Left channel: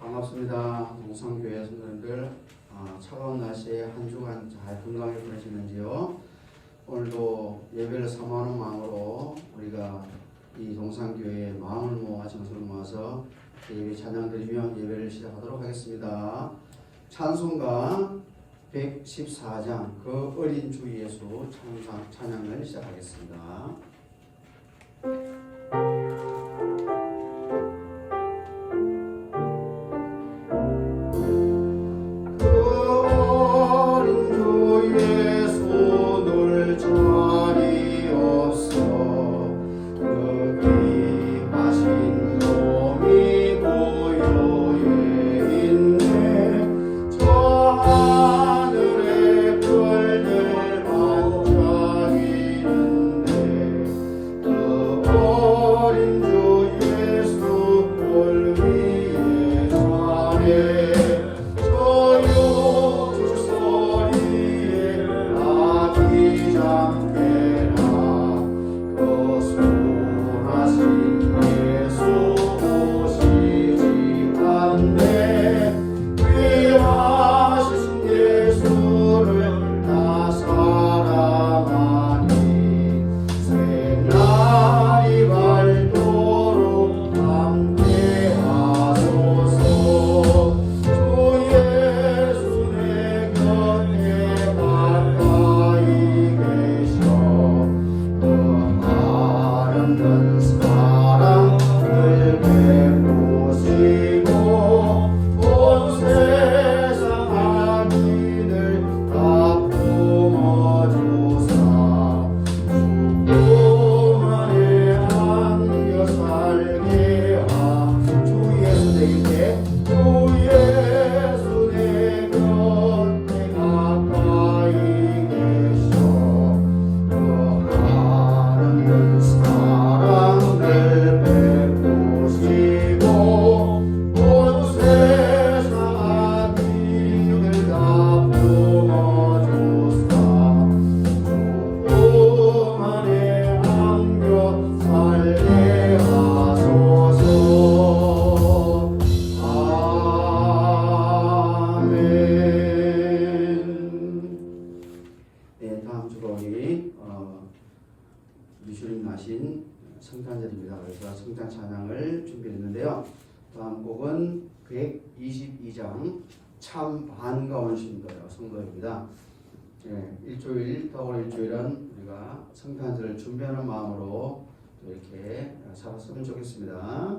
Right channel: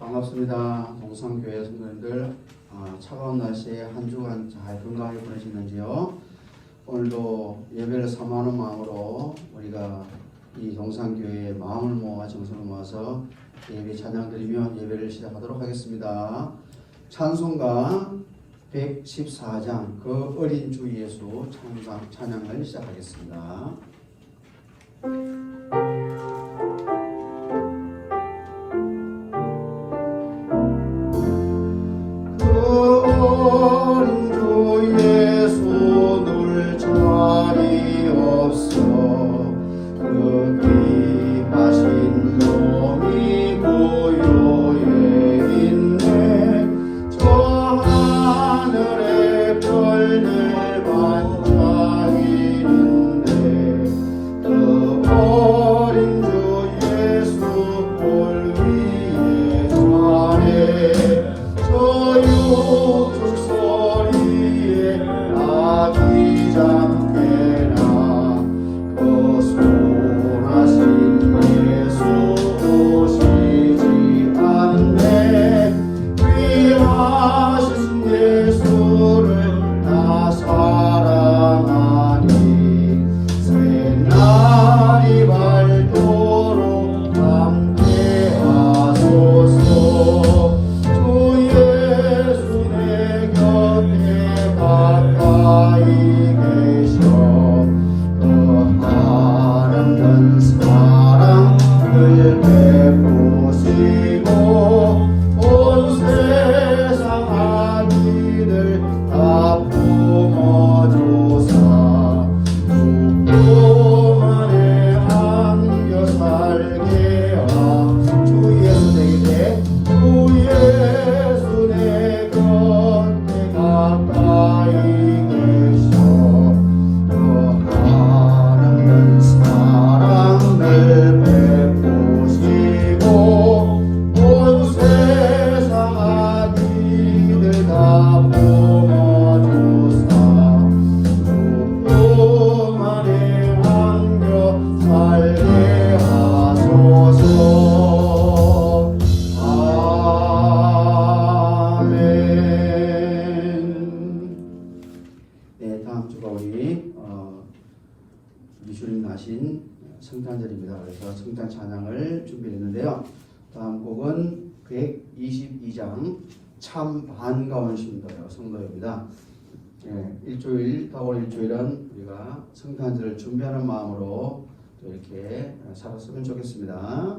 반갑습니다. 동산교회 성도님들, 차가운 날씨에 한 주간 잘 건강하게 보내시는지요? 오늘도 예배를 사모하는 마음으로 우리가 이 동산교회에 마음을 모아 정성을 모아서 예배 찬양드리며 예배를 시작하도록 하겠습니다. 찬송가 114장 그 어린 주 예수 찬양을 시작하겠습니다. 우리 주님 나신 성탄절입니다. 그래서 성탄 찬양을 준비했는데요. 다음 곡은 122장 참 반가운 성도입니다. 일주일, 다가올 일주일은 우리가 성탄절을 준비하는 마음으로 또 이렇게 살았으면 좋겠습니다.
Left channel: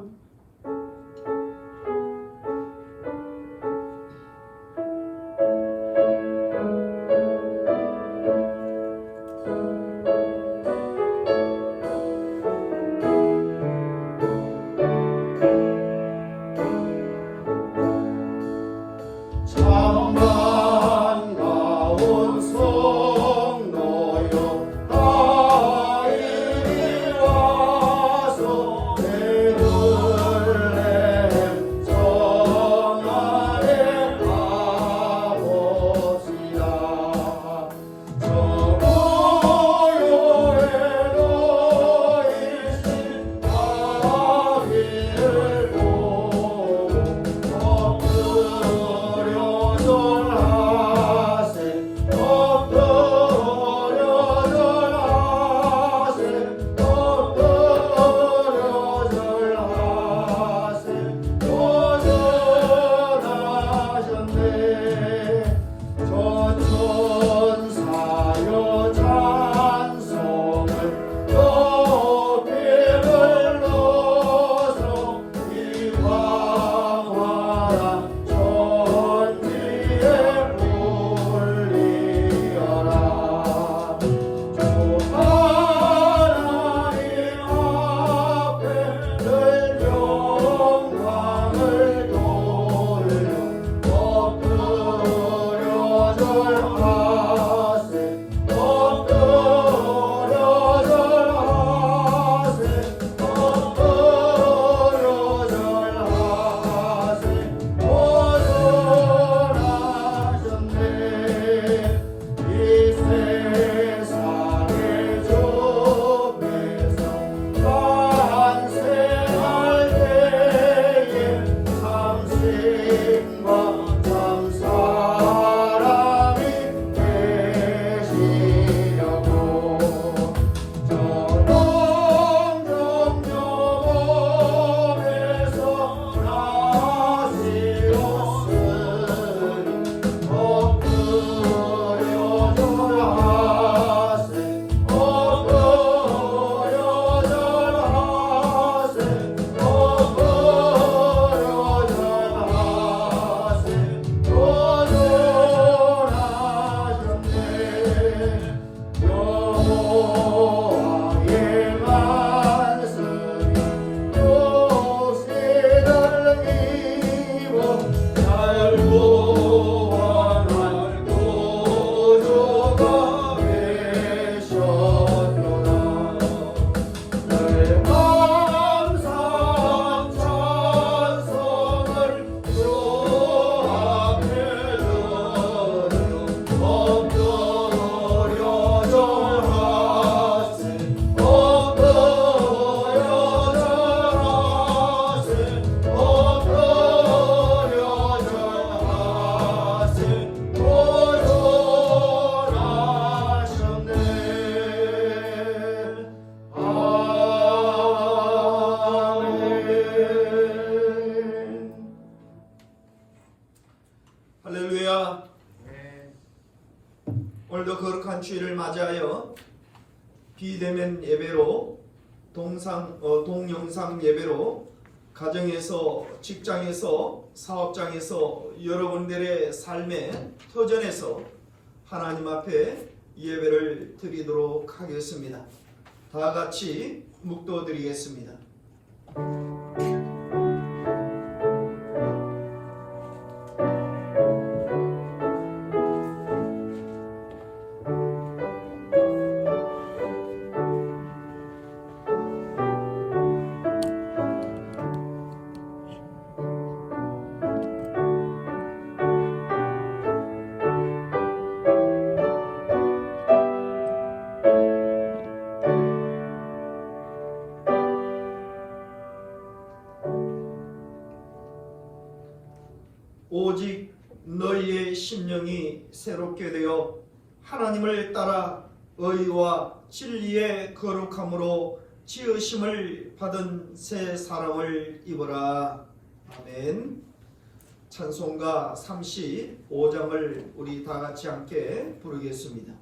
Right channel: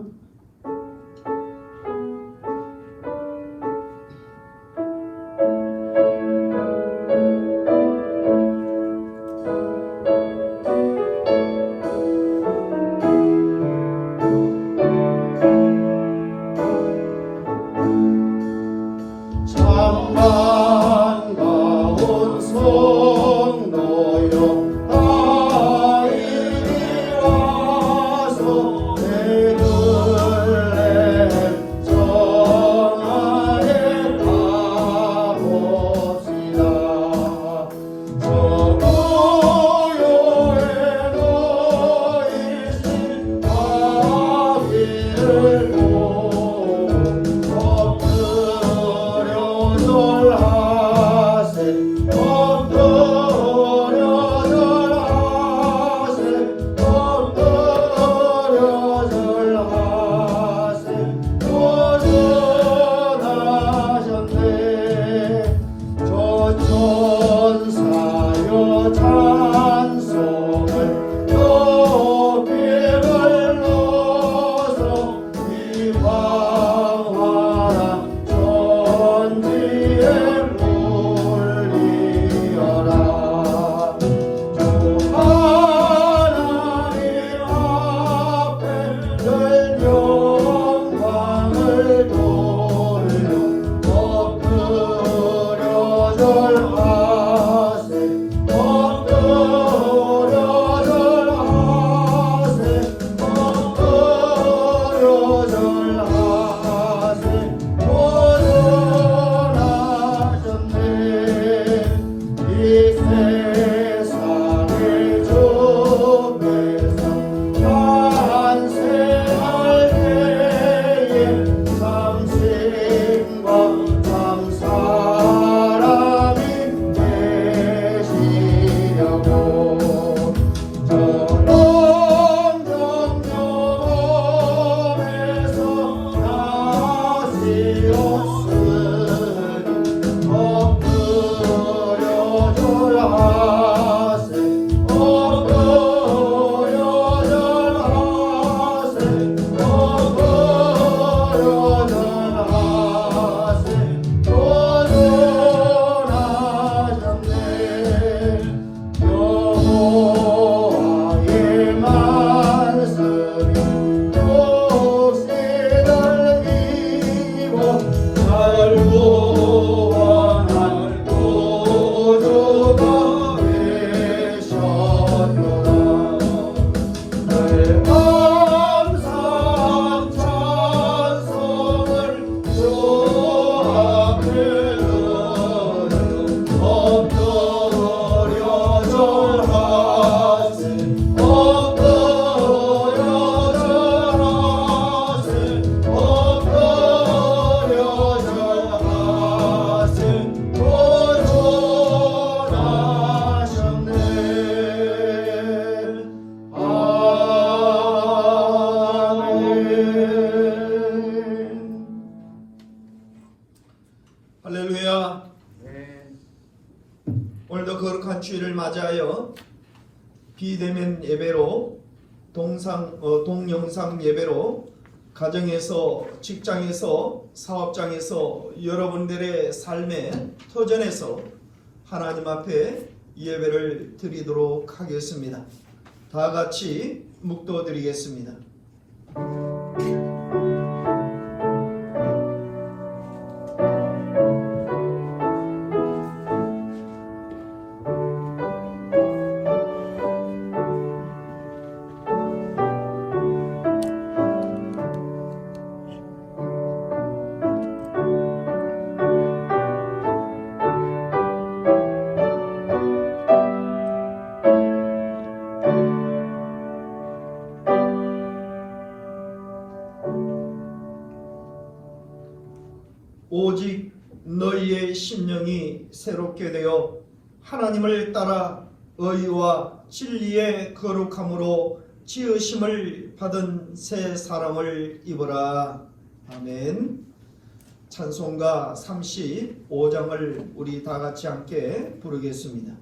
오늘도 거룩한 주일을 맞이하여 비대면 예배로 동영상 예배로 가정에서, 직장에서, 사업장에서, 여러분들의 삶의 터전에서 하나님 앞에 예배를 드리도록 하겠습니다. 다 같이 묵도드리겠습니다. 오직 너희의 심령이 새롭게 되어 하나님을 따라 의와 진리의 거룩함으로 지으심을 받은 새 사람을 입어라. 아멘. 찬송가 35장을 우리 다 같이 함께 부르겠습니다.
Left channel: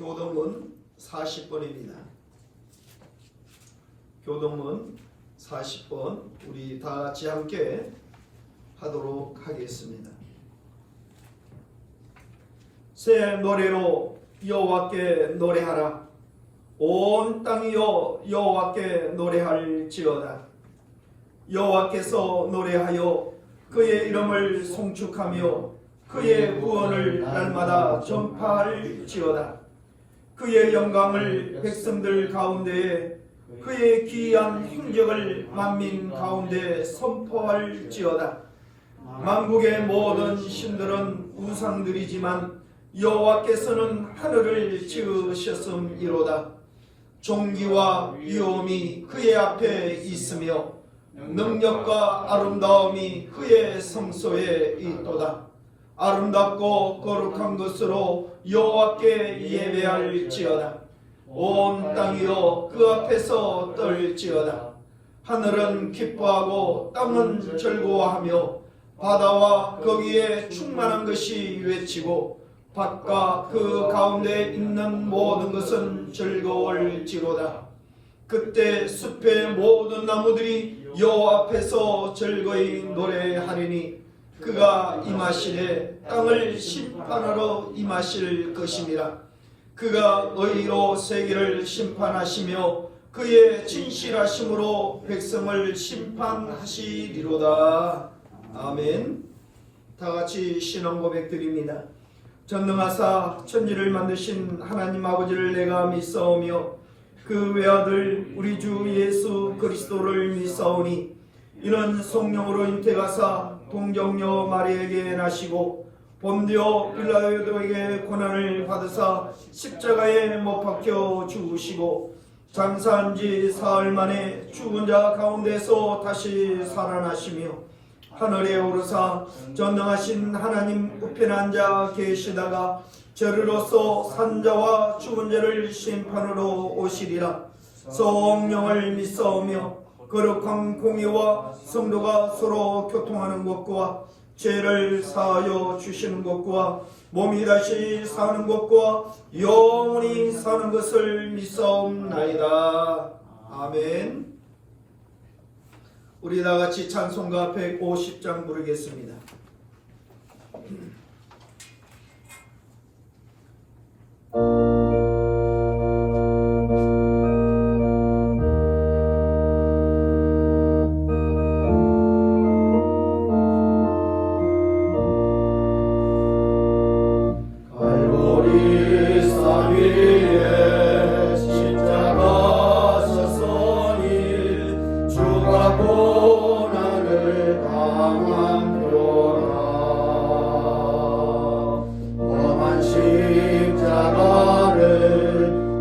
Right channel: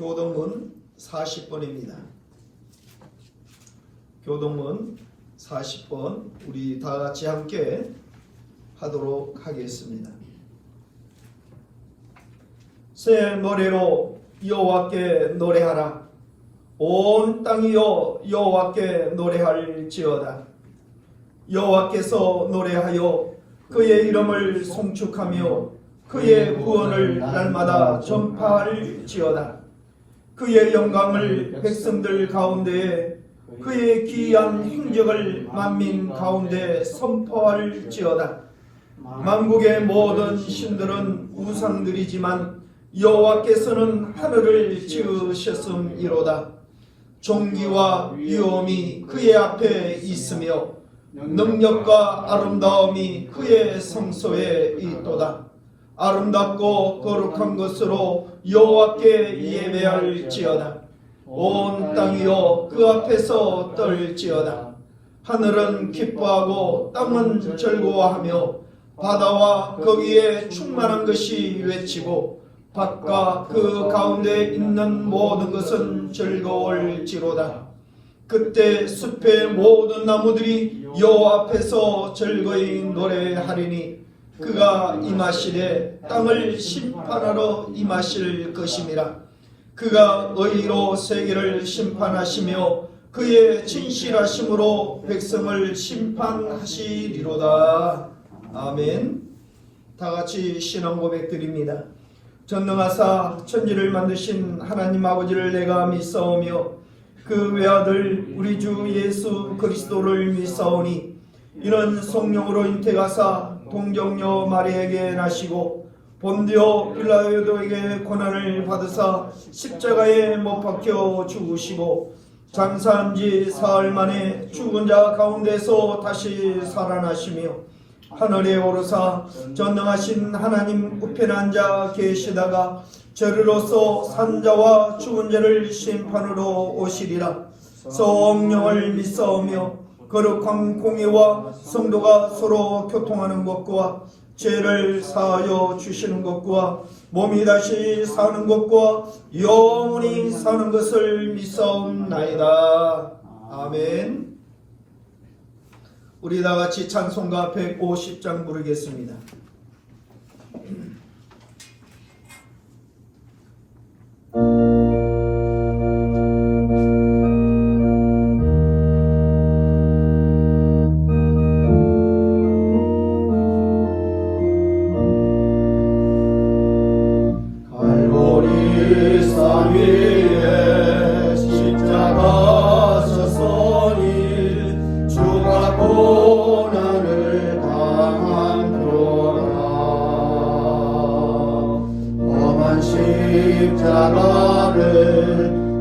교동문 40번입니다. 교동문 40번 우리 다 같이 함께 하도록 하겠습니다. 새 노래로 여호와께 노래하라. 온 땅이여 여호와께 노래할지어다. 여호와께서 노래하여 그의 이름을 송축하며 그의 구원을 날마다 전파할지어다. 그의 영광을 백성들 가운데에 그의 기이한 행적을 만민 가운데 선포할지어다. 만국의 모든 신들은 우상들이지만 여호와께서는 하늘을 지으셨음이로다. 존귀와 위엄이 그의 앞에 있으며 능력과 아름다움이 그의 성소에 있도다. 아름답고 거룩한 것으로 여호와께 예배할지어다. 온 땅이여 그 앞에서 떨지어다. 하늘은 기뻐하고 땅은 즐거워하며 바다와 거기에 충만한 것이 외치고 밭과 그 가운데 있는 모든 것은 즐거울지로다. 그때 숲의 모든 나무들이 여호와 앞에서 즐거이 노래하리니 그가 임하시되 땅을 심판하러 임하실 것임이라. 그가 의로 세계를 심판하시며 그의 진실하심으로 백성을 심판하시리로다. 아멘. 다 같이 신앙 고백 드립니다. 전능하사 천지를 만드신 하나님 아버지를 내가 믿사오며 그 외아들 우리 주 예수 그리스도를 믿사오니 이는 성령으로 잉태가사 동정녀 마리에게 나시고 본디오 빌라도에게 고난을 받으사 십자가에 못 박혀 죽으시고 장사한 지 사흘 만에 죽은 자 가운데서 다시 살아나시며 하늘에 오르사 전능하신 하나님 우편에 앉아 계시다가 저리로서 산자와 죽은 자를 심판으로 오시리라. 성령을 믿사오며 거룩한 공의와 성도가 서로 교통하는 것과 죄를 사하여 주시는 것과 몸이 다시 사는 것과 영원히 사는 것을 믿사옵나이다. 아멘. 우리 다같이 찬송가 150장 부르겠습니다. 갈보리 산 위에 십자가 서서니 주가 고난을 당한 표라. 험한 십자가를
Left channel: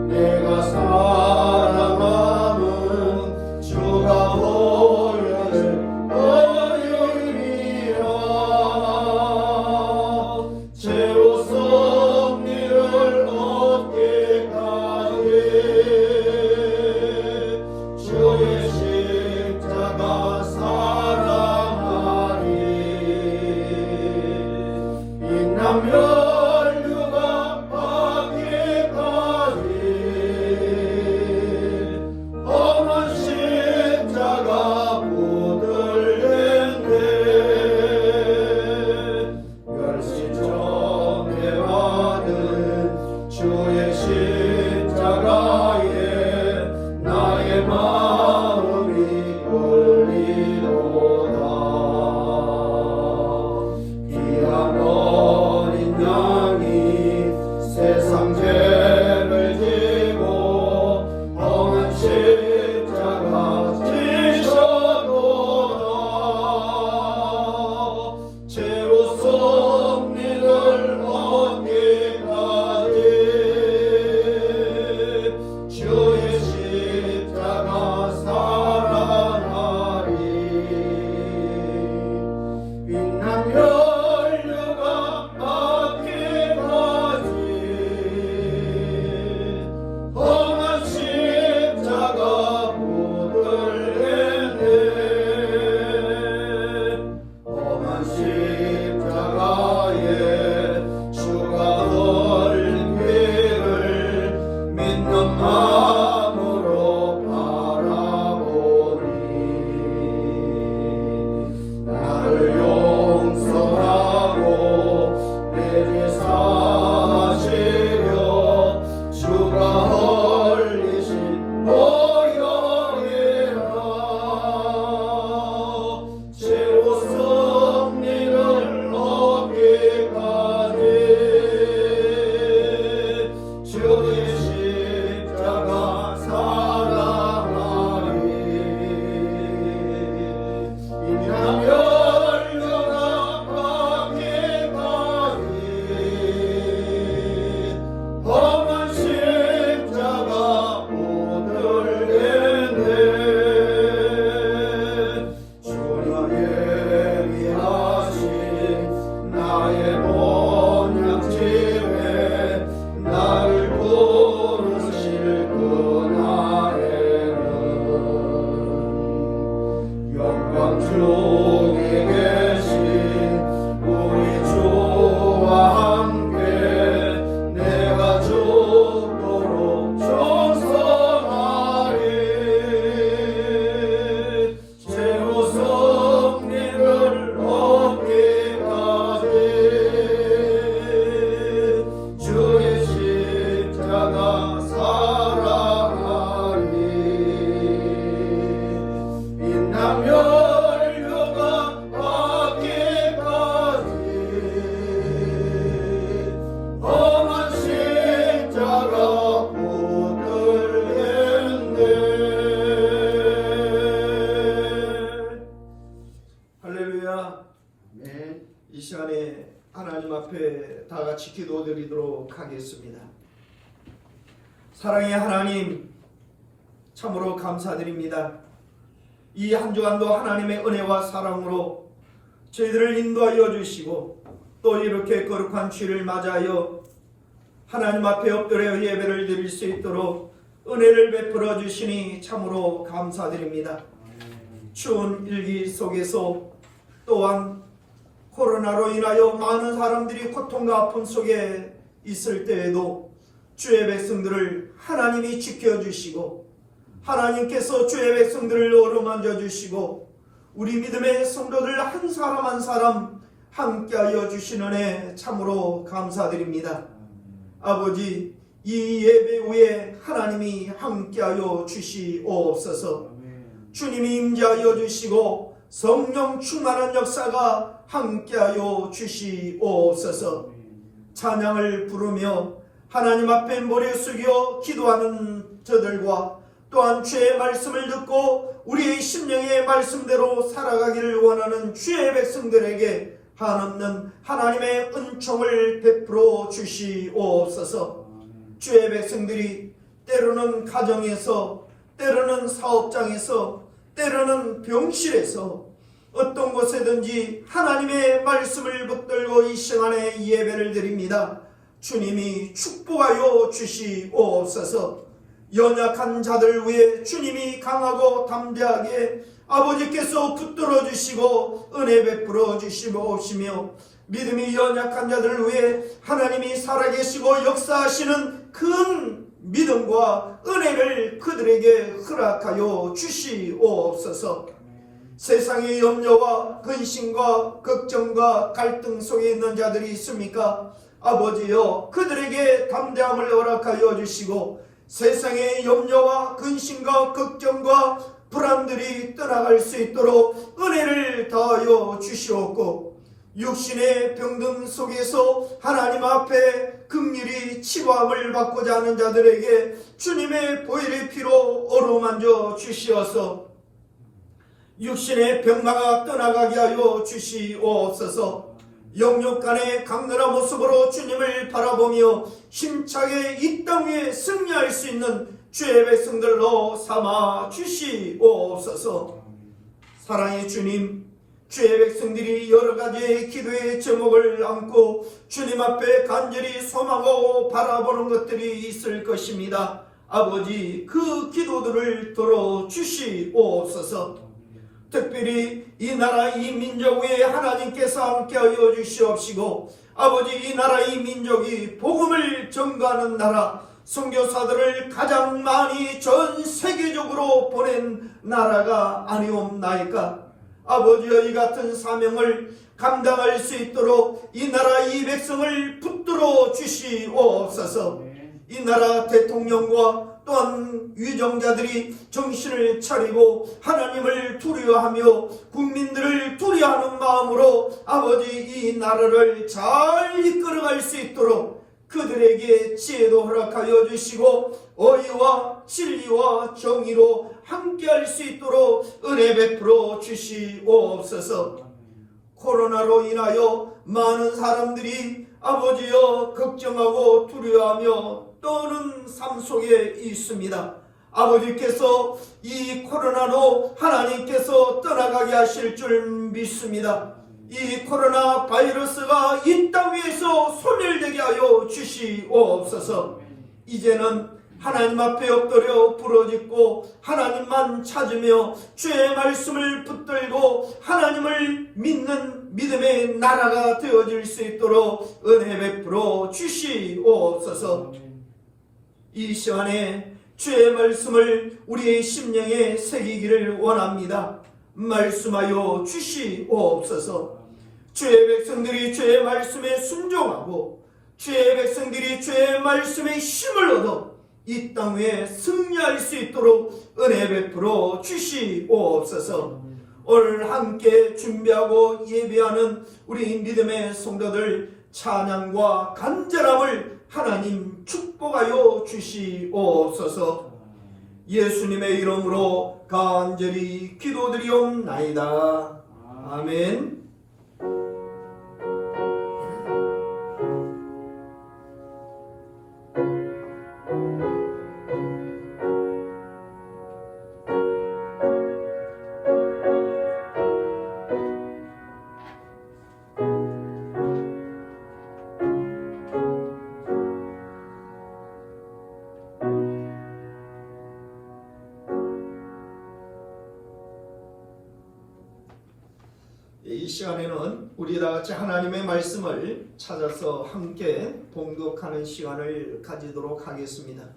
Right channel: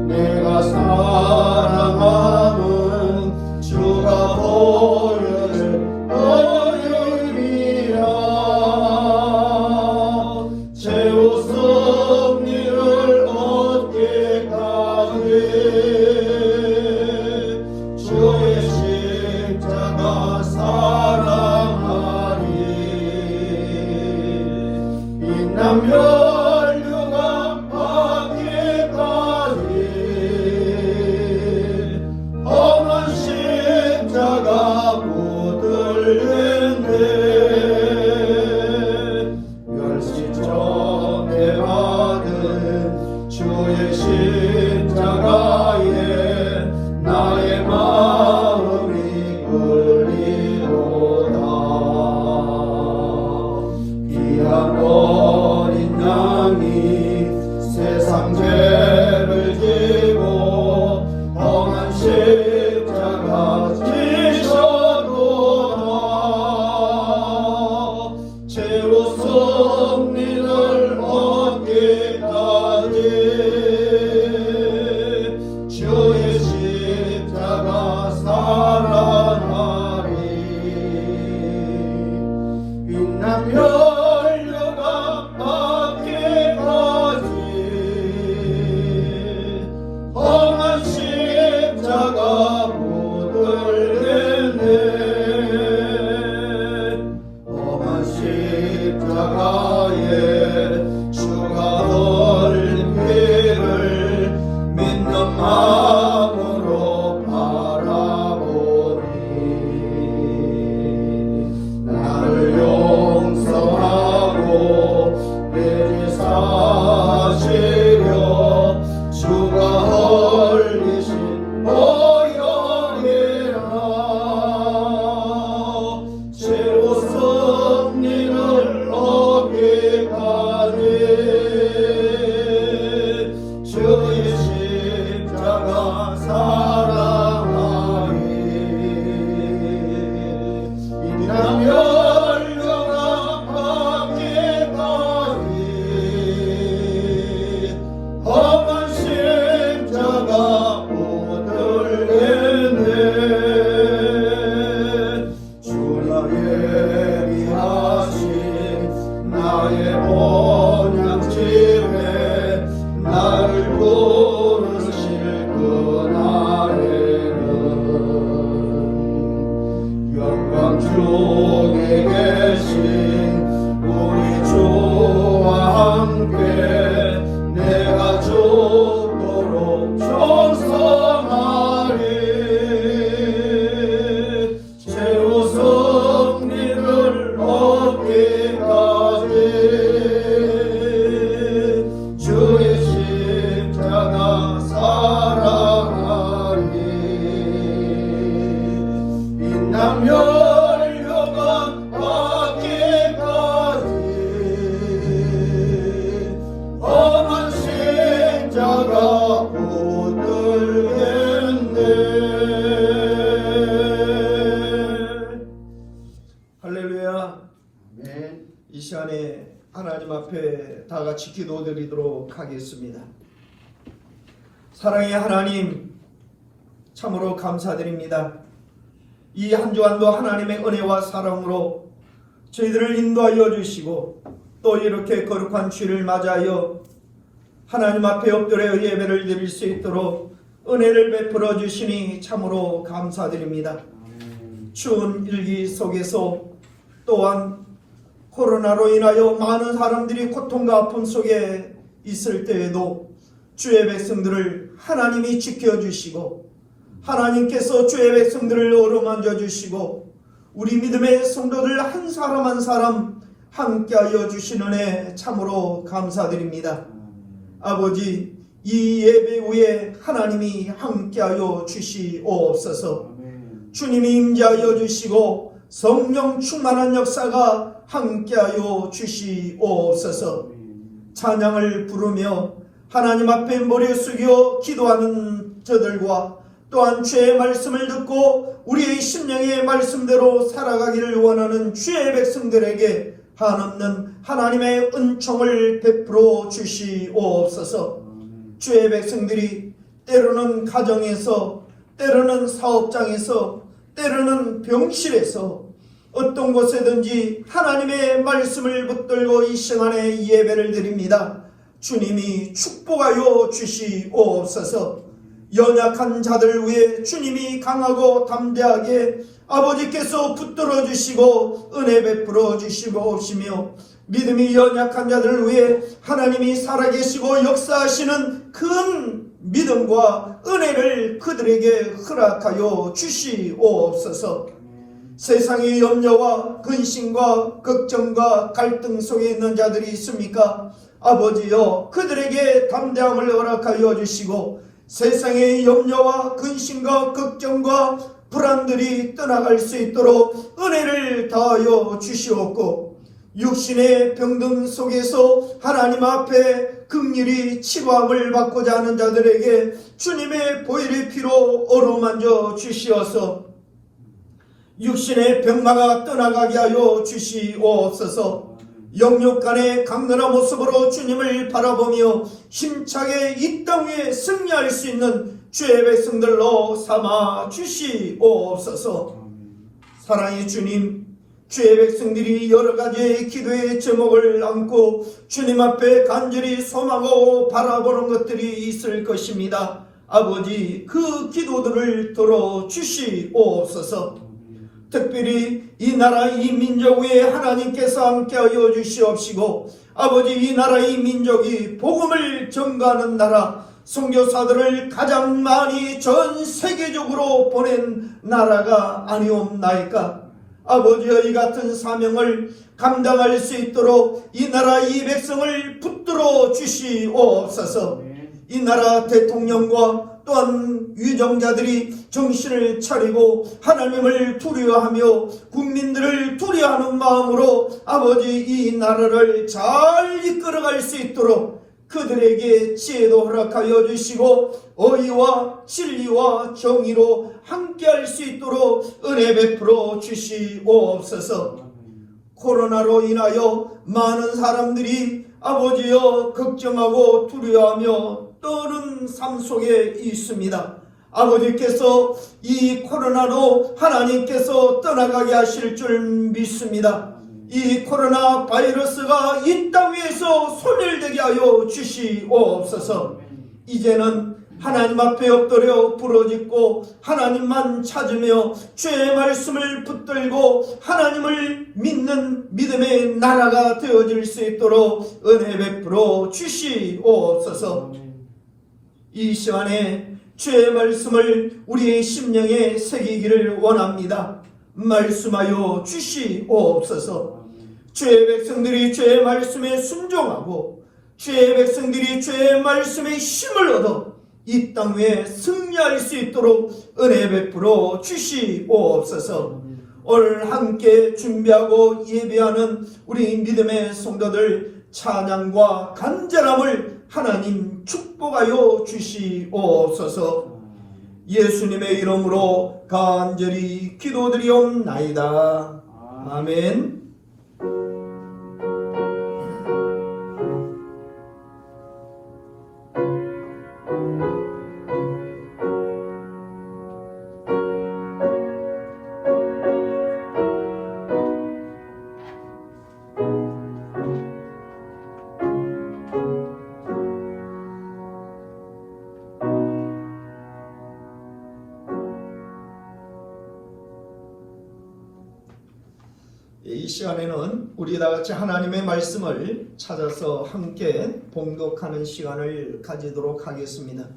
내가 사랑함은 주가 보여준 어른이라. 최후 승리를 얻게 저쪽에 계신 우리 주와 함께 내가 죽도록 충성하리. 최후 승리를 얻기까지 주의 십자가 사랑하리. 빛나며 열려가 받기까지 험한 십자가 붙들겠네. 할렐루야. 아멘. 이 시간에 하나님 앞에 다 같이 기도드리도록 하겠습니다. 사랑의 하나님, 참으로 감사드립니다. 이 한 주간도 하나님의 은혜와 사랑으로 저희들을 인도하여 주시고 또 이렇게 거룩한 주일을 맞이하여 하나님 앞에 엎드려 예배를 드릴 수 있도록 은혜를 베풀어 주시니 참으로 감사드립니다. 추운 일기 속에서 또한 코로나로 인하여 많은 사람들이 고통과 아픔 속에 있을 때에도 주의 백성들을 하나님이 지켜주시고 하나님께서 주의 백성들을 어루만져 주시고 우리 믿음의 성도들 한 사람 한 사람 함께하여 주시는 애 참으로 감사드립니다. 아버지, 이 예배 후에 하나님이 함께하여 주시옵소서. 주님이 임재하여 주시고 성령 충만한 역사가 함께하여 주시옵소서. 찬양을 부르며 하나님 앞에 머리 숙여 기도하는 저들과 또한 주의 말씀을 듣고 우리의 심령의 말씀대로 살아가기를 원하는 주의 백성들에게 한없는 하나님의 은총을 베풀어 주시옵소서. 주의 백성들이 때로는 가정에서, 때로는 사업장에서, 때로는 병실에서 어떤 곳에든지 하나님의 말씀을 붙들고 이 시간에 예배를 드립니다. 주님이 축복하여 주시옵소서. 연약한 자들 위해 주님이 강하고 담대하게 아버지께서 붙들어 주시고 은혜 베풀어 주시옵시며 믿음이 연약한 자들을 위해 하나님이 살아계시고 역사하시는 큰 믿음과 은혜를 그들에게 허락하여 주시옵소서. 세상의 염려와 근심과 걱정과 갈등 속에 있는 자들이 있습니까? 아버지여, 그들에게 담대함을 허락하여 주시고 세상의 염려와 근심과 걱정과 불안들이 떠나갈 수 있도록 은혜를 다하여 주시옵고 육신의 병든 속에서 하나님 앞에 긍휼히 치료함을 받고자 하는 자들에게 주님의 보혈의 피로 어루만져 주시어서 육신의 병마가 떠나가게 하여 주시옵소서. 영육간의 강건한 모습으로 주님을 바라보며 힘차게 이 땅 위에 승리할 수 있는 주의 백성들로 삼아 주시옵소서. 사랑의 주님, 주의 백성들이 여러 가지의 기도의 제목을 안고 주님 앞에 간절히 소망하고 바라보는 것들이 있을 것입니다. 아버지, 그 기도들을 들어주시옵소서. 특별히 이 나라 이 민족 위에 하나님께서 함께하여 주시옵시고 아버지, 이 나라 이 민족이 복음을 전가하는 나라, 선교사들을 가장 많이 전 세계적으로 보낸 나라가 아니옵나이까. 아버지여, 이 같은 사명을 감당할 수 있도록 이 나라 이 백성을 붙들어 주시옵소서. 이 나라 대통령과 또한 위정자들이 정신을 차리고 하나님을 두려워하며 국민들을 두려워하는 마음으로 아버지, 이 나라를 잘 이끌어갈 수 있도록 그들에게 지혜도 허락하여 주시고 의와 진리와 정의로 함께할 수 있도록 은혜 베풀어 주시옵소서. 코로나로 인하여 많은 사람들이 아버지여 걱정하고 두려워하며 떠는 삶 속에 있습니다. 아버지께서 이 코로나로 하나님께서 떠나가게 하실 줄 믿습니다. 이 코로나 바이러스가 이 땅 위에서 소멸되게 하여 주시옵소서. 이제는 하나님 앞에 엎드려 부르짖고 하나님만 찾으며 주의 말씀을 붙들고 하나님을 믿는 믿음의 나라가 되어질 수 있도록 은혜 베풀어 주시옵소서. 이 시간에 주의 말씀을 우리의 심령에 새기기를 원합니다. 말씀하여 주시옵소서. 주의 백성들이 주의 말씀에 순종하고 주의 백성들이 주의 말씀에 힘을 얻어 이 땅 위에 승리할 수 있도록 은혜 베풀어 주시옵소서. 오늘 함께 준비하고 예배하는 우리 믿음의 성도들 찬양과 간절함을 하나님 축복하여 주시옵소서. 예수님의 이름으로 간절히 기도드리옵나이다. 아멘. 이 시간에는 우리 다같이 하나님의 말씀을 찾아서 함께 봉독하는 시간을 가지도록 하겠습니다.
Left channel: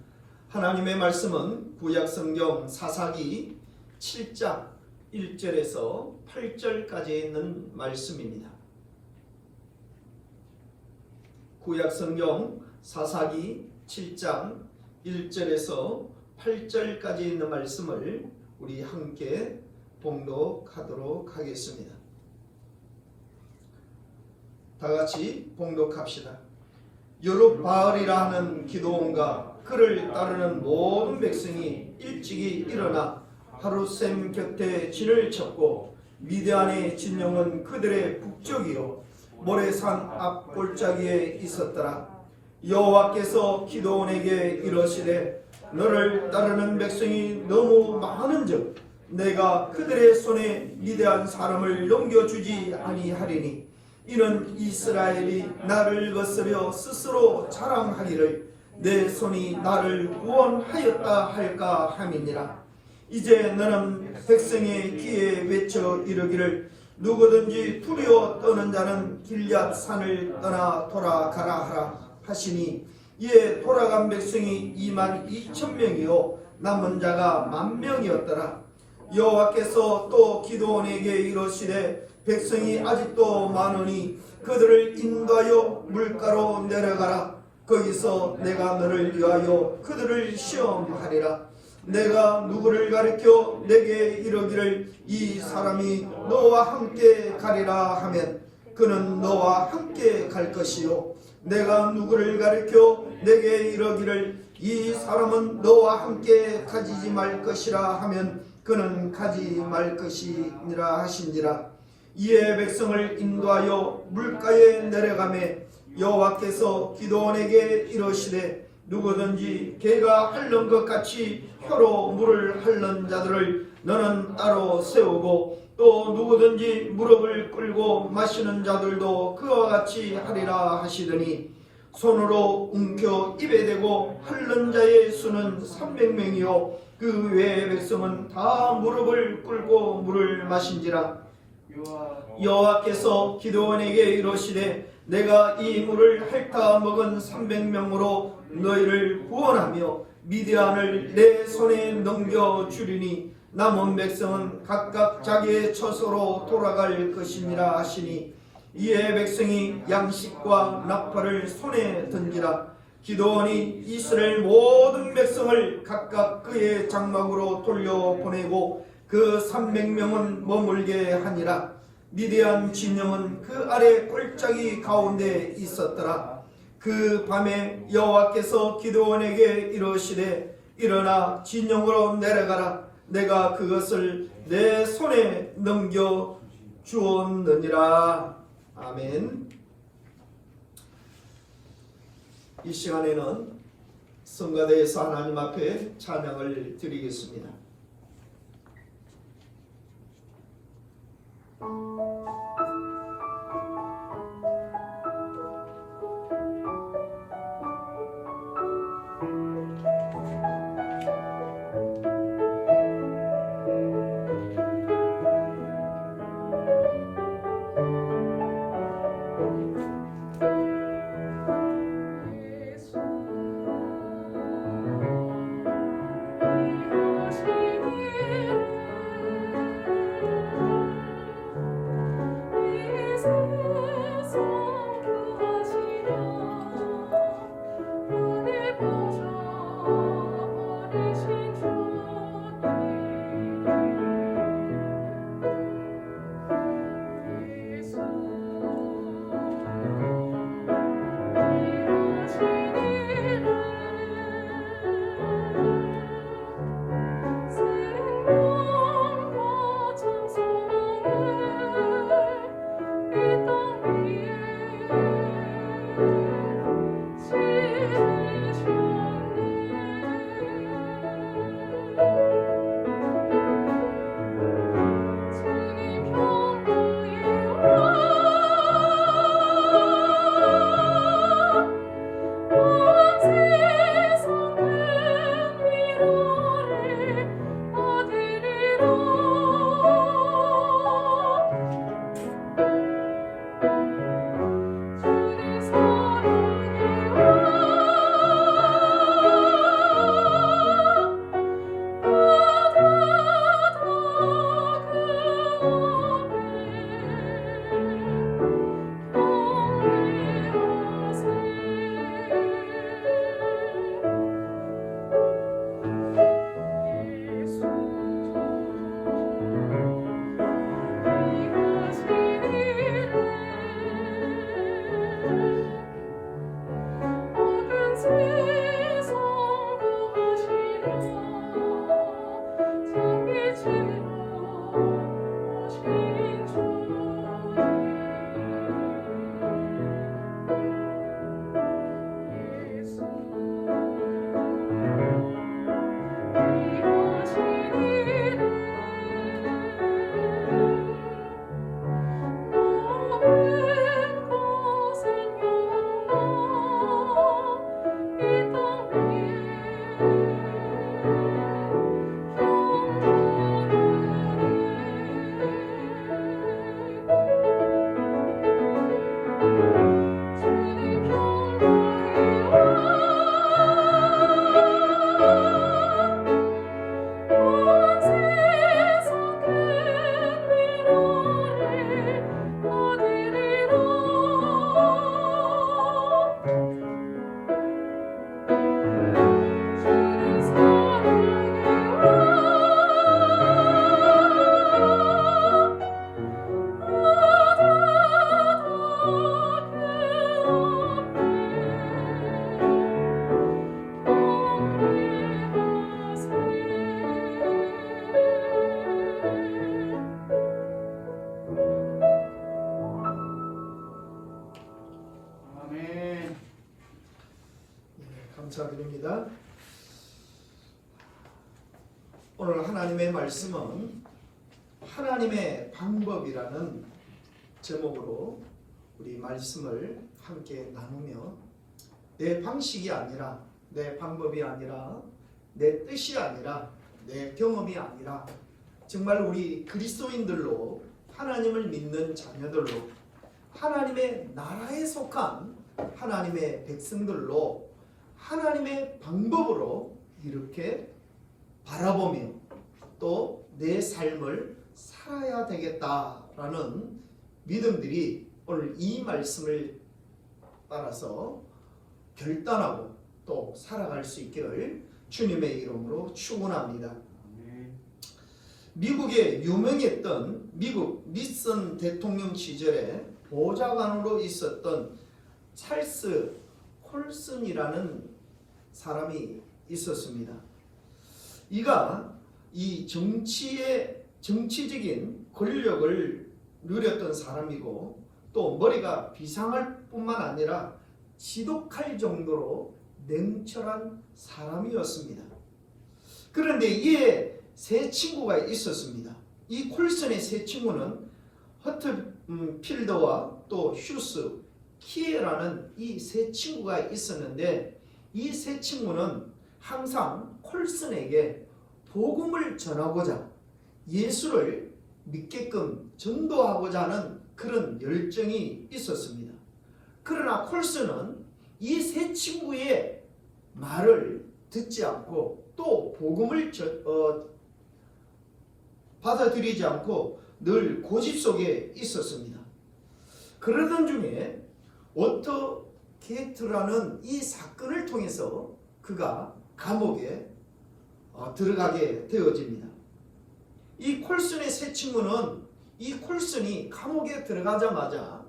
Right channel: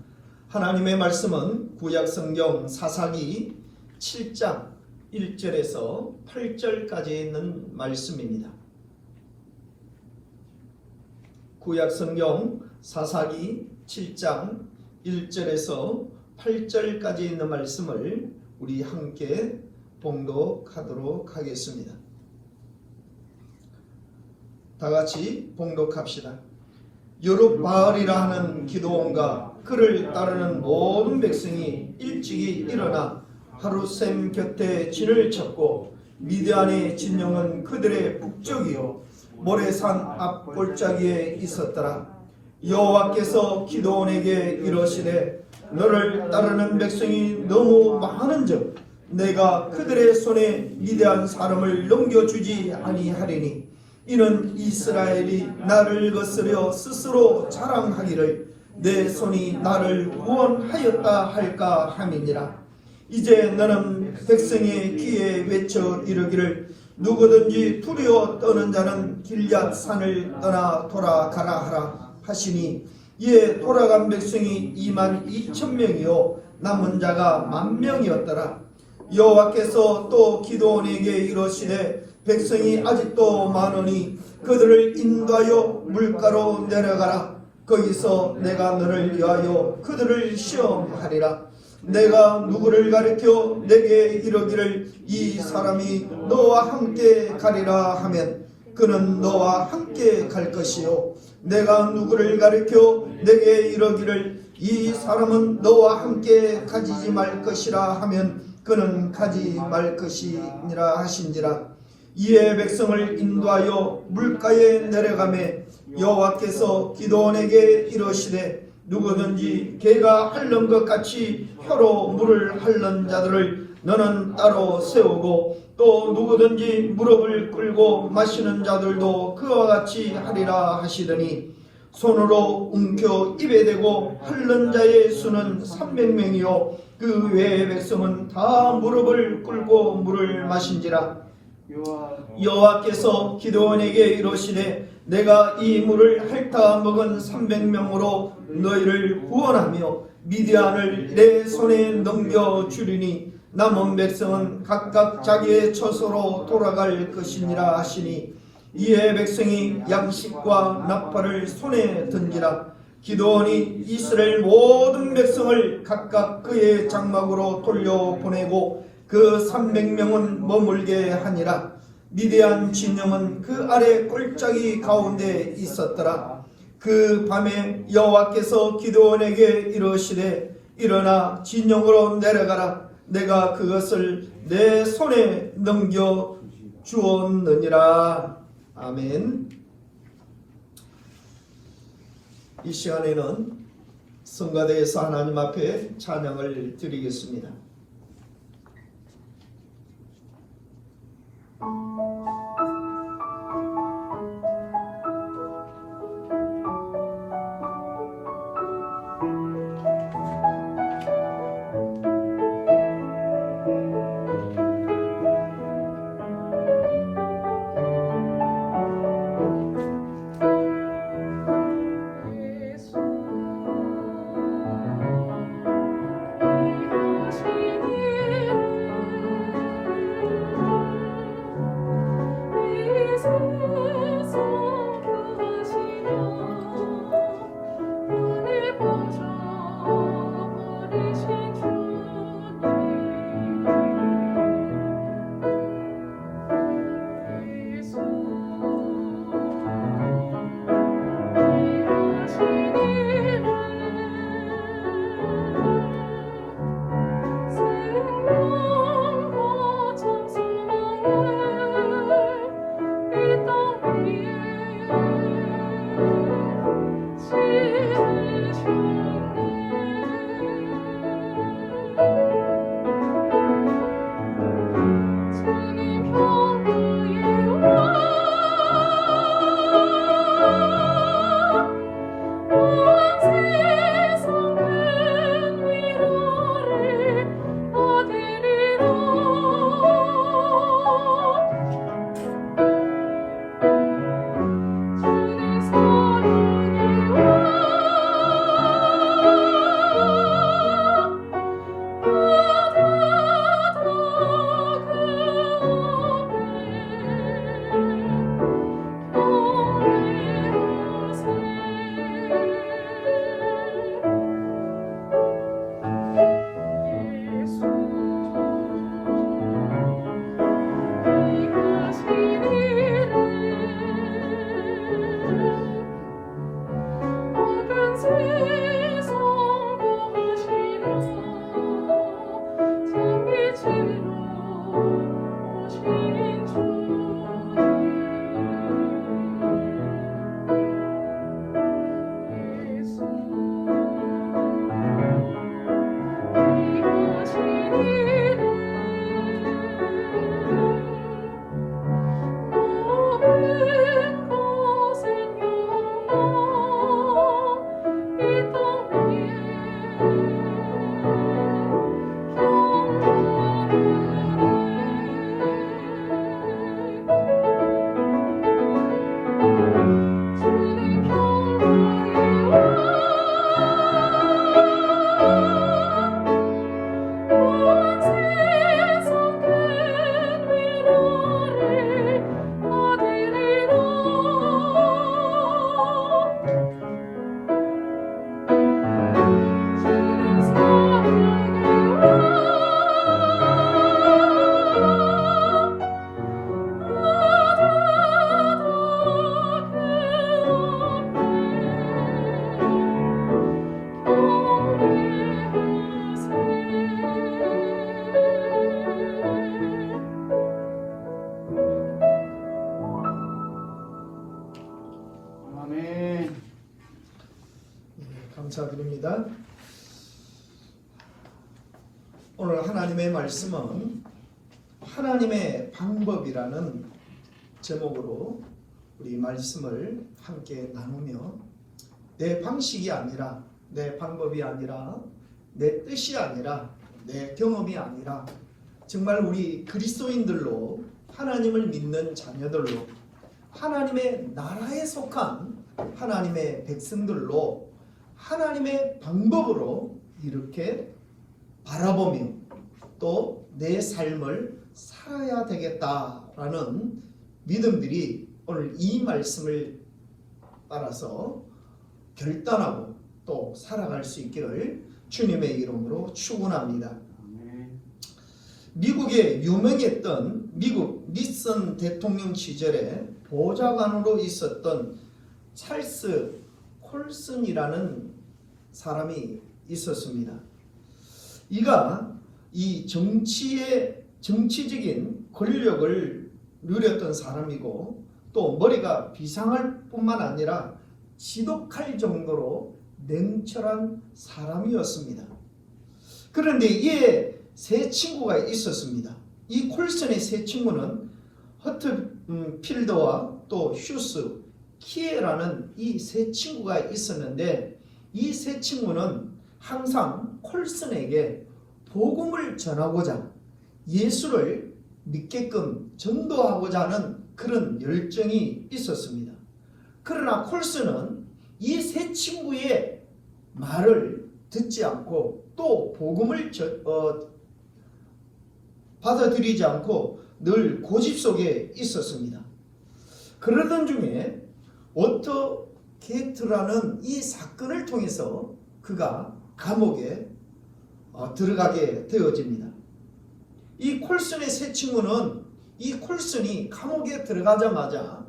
하나님의 말씀은 구약성경 사사기 7장 1절에서 8절까지 있는 말씀입니다. 구약성경 사사기 7장 1절에서 8절까지 있는 말씀을 우리 함께 봉독하도록 하겠습니다. 다같이 봉독합시다. 여룹바알이라 하는 기드온과 그를 따르는 모든 백성이 일찍이 일어나 하룻샘 곁에 진을 쳤고 미디안의 진영은 그들의 북쪽이요 모레산 앞 골짜기에 있었더라. 여호와께서 기드온에게 이르시되 너를 따르는 백성이 너무 많은즉 내가 그들의 손에 미디안 사람을 넘겨주지 아니하리니 이는 이스라엘이 나를 거스려 스스로 자랑하기를 내 손이 나를 구원하였다 할까 함이니라. 이제 너는 백성의 귀에 외쳐 이르기를 누구든지 두려워 떠는 자는 길앗 산을 떠나 돌아가라 하라 하시니 이에 돌아간 백성이 22,000명이요 남은 자가 10,000명이었더라. 여호와께서 또 기드온에게 이르시되 백성이 아직도 많으니 그들을 인도하여 물가로 내려가라. 거기서 내가 너를 위하여 그들을 시험하리라. 내가 누구를 가리켜 내게 이르기를 이 사람이 너와 함께 가리라 하면 그는 너와 함께 갈 것이요 내가 누구를 가리켜 내게 이르기를 이 사람은 너와 함께 가지지 말 것이라 하면 그는 가지 말 것이니라 하신지라. 이에 백성을 인도하여 물가에 내려가매 여호와께서 기드온에게 이르시되 누구든지 개가 핥는 것 같이 혀로 물을 핥는 자들을 너는 따로 세우고 또 누구든지 무릎을 꿇고 마시는 자들도 그와 같이 하리라 하시더니 손으로 움켜 입에 대고 핥는 자의 수는 300명이요 그 외의 백성은 다 무릎을 꿇고 물을 마신지라. 여호와께서 기드온에게 이르시되 내가 이 물을 핥아 먹은 300명으로 너희를 구원하며 미디안을 내 손에 넘겨주리니 남은 백성은 각각 자기의 처소로 돌아갈 것이니라 하시니 이에 백성이 양식과 나팔을 손에 든지라. 기드온이 이스라엘 모든 백성을 각각 그의 장막으로 돌려보내고 그 300명은 머물게 하니라. 미디안 진영은 그 아래 골짜기 가운데 있었더라. 그 밤에 여호와께서 기드온에게 이르시되 일어나 진영으로 내려가라. 내가 그것을 내 손에 넘겨 주었느니라. 아멘. 이 시간에는 성가대에서 하나님 앞에 찬양을 드리겠습니다. 감사드립니다. 오늘 하나님의 말씀은 하나님의 방법이라는 제목으로 우리 말씀을 함께 나누며 내 방식이 아니라 내 방법이 아니라 내 뜻이 아니라 내 경험이 아니라 정말 우리 그리스도인들로 하나님을 믿는 자녀들로 하나님의 나라에 속한 하나님의 백성들로 하나님의 방법으로 이렇게 바라보며 또 내 삶을 살아야 되겠다라는 믿음들이 오늘 이 말씀을 따라서 결단하고 또 살아갈 수 있기를 주님의 이름으로 축원합니다. 미국에 유명했던 미국 니슨 대통령 시절에 보좌관으로 있었던 찰스 콜슨이라는 사람이 있었습니다. 이가 이 정치적인 권력을 누렸던 사람이고 또 머리가 비상할 뿐만 아니라 지독할 정도로 냉철한 사람이었습니다. 그런데 이에 세 친구가 있었습니다. 이 콜슨의 세 친구는 허트필더와 또 휴스, 키에라는 이 세 친구가 있었는데 이 세 친구는 항상 콜슨에게 복음을 전하고자 예수를 믿게끔 전도하고자 하는 그런 열정이 있었습니다. 그러나 콜슨은 이 세 친구의 말을 듣지 않고 또 복음을 받아들이지 않고 늘 고집 속에 있었습니다. 그러던 중에 오터 게이트라는 이 사건을 통해서 그가 감옥에 들어가게 되어집니다. 이 콜슨의 세 친구는 이 콜슨이 감옥에 들어가자마자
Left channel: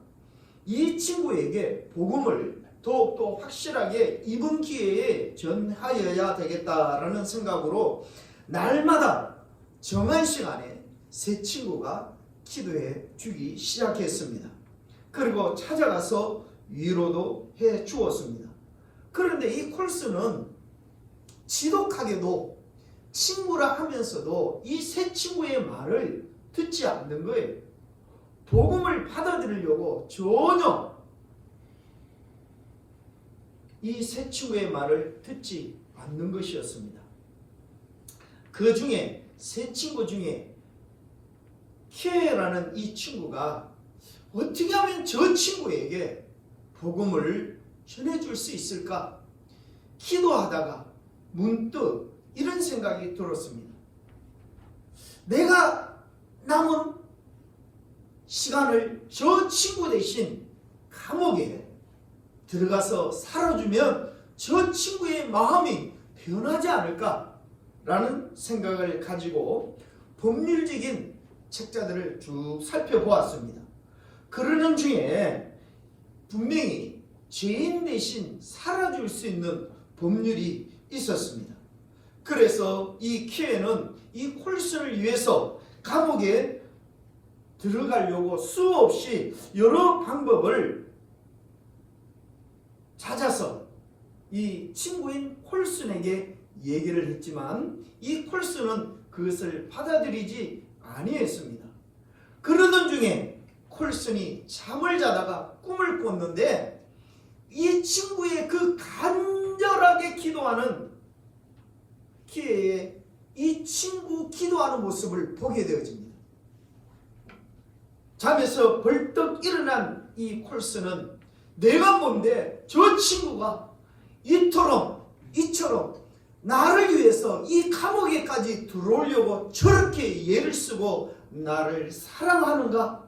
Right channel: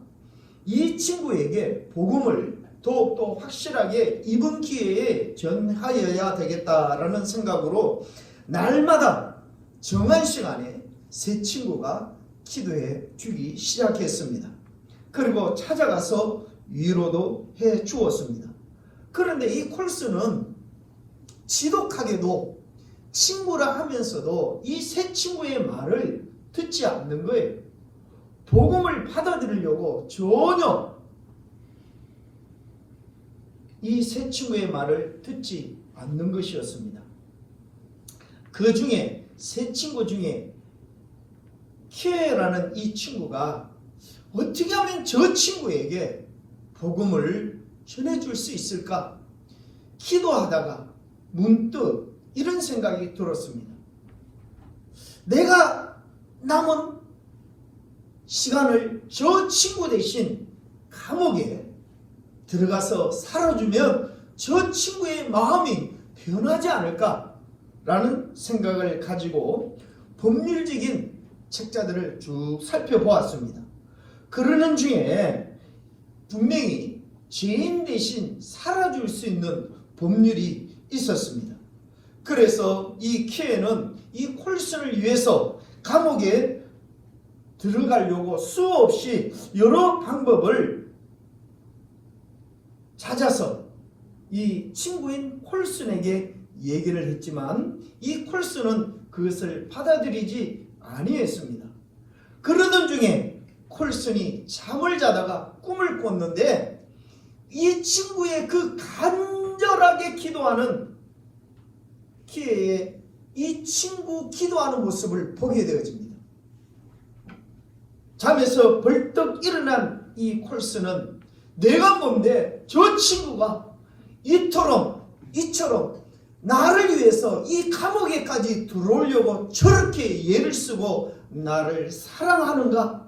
이 친구에게 복음을 더욱더 확실하게 이번 기회에 전하여야 되겠다라는 생각으로 날마다 정한 시간에 세 친구가 기도해 주기 시작했습니다. 그리고 찾아가서 위로도 해 주었습니다. 그런데 이 콜슨은 지독하게도 친구라 하면서도 이 세 친구의 말을 듣지 않는 거예요. 복음을 받아들이려고 전혀 이 세 친구의 말을 듣지 않는 것이었습니다. 그 중에 세 친구 중에 키에라는 이 친구가 어떻게 하면 저 친구에게 복음을 전해줄 수 있을까? 기도하다가 문득 이런 생각이 들었습니다. 내가 남은 시간을 저 친구 대신 감옥에 들어가서 살아주면 저 친구의 마음이 변하지 않을까라는 생각을 가지고 법률적인 책자들을 쭉 살펴보았습니다. 그러는 중에 분명히 죄인 대신 살아줄 수 있는 법률이 있었습니다. 그래서 이 키에는 이 콜슨을 위해서 감옥에 들어가려고 수없이 여러 방법을 찾아서 이 친구인 콜슨에게 얘기를 했지만 이 콜슨은 그것을 받아들이지 아니했습니다. 그러던 중에 콜슨이 잠을 자다가 꿈을 꿨는데 이 친구의 그 간절하게 기도하는 키에의 이 친구 기도하는 모습을 보게 되어집니다. 잠에서 벌떡 일어난 이 콜슨은 내가 뭔데 저 친구가 이처럼 나를 위해서 이 감옥에까지 들어오려고 저렇게 예를 쓰고 나를 사랑하는가?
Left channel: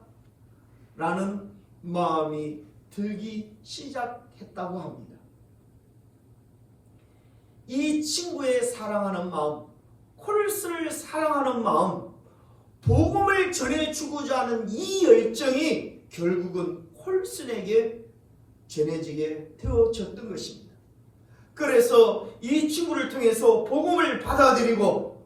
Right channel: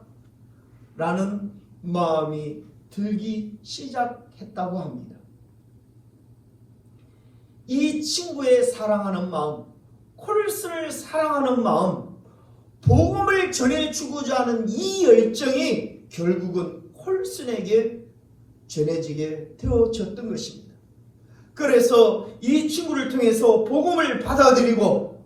라는 마음이 들기 시작했다고 합니다. 이 친구의 사랑하는 마음, 콜슨을 사랑하는 마음, 복음을 전해주고자 하는 이 열정이 결국은 콜슨에게 전해지게 되어졌던 것입니다. 그래서 이 친구를 통해서 복음을 받아들이고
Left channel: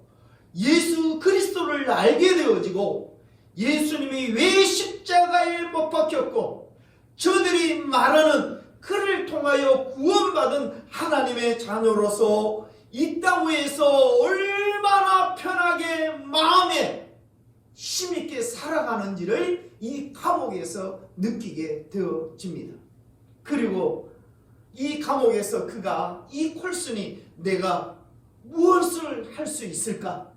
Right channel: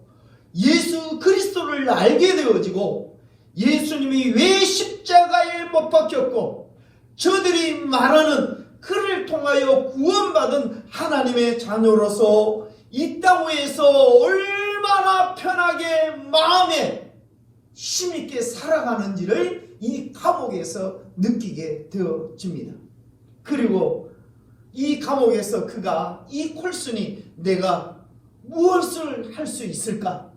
예수 그리스도를 알게 되어지고 예수님이 왜 십자가에 못 박혔고 저들이 말하는 그를 통하여 구원받은 하나님의 자녀로서 이 땅 위에서 얼마나 편하게 마음에 힘있게 살아가는지를 이 감옥에서 느끼게 되어집니다. 그리고 이 감옥에서 그가 이 콜슨이 내가 무엇을 할 수 있을까?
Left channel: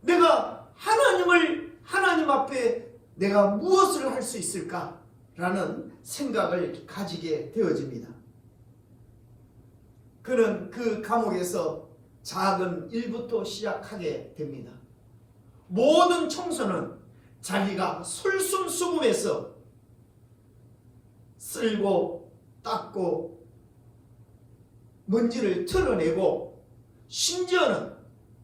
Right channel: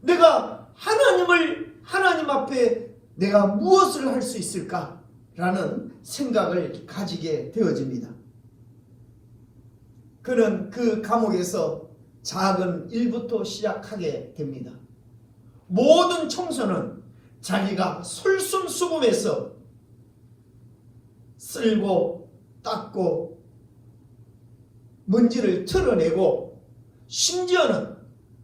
내가 하나님 앞에 내가 무엇을 할 수 있을까? 라는 생각을 가지게 되어집니다. 그는 그 감옥에서 작은 일부터 시작하게 됩니다. 모든 청소는 자기가 솔선수범해서 쓸고 닦고 먼지를 털어내고 심지어는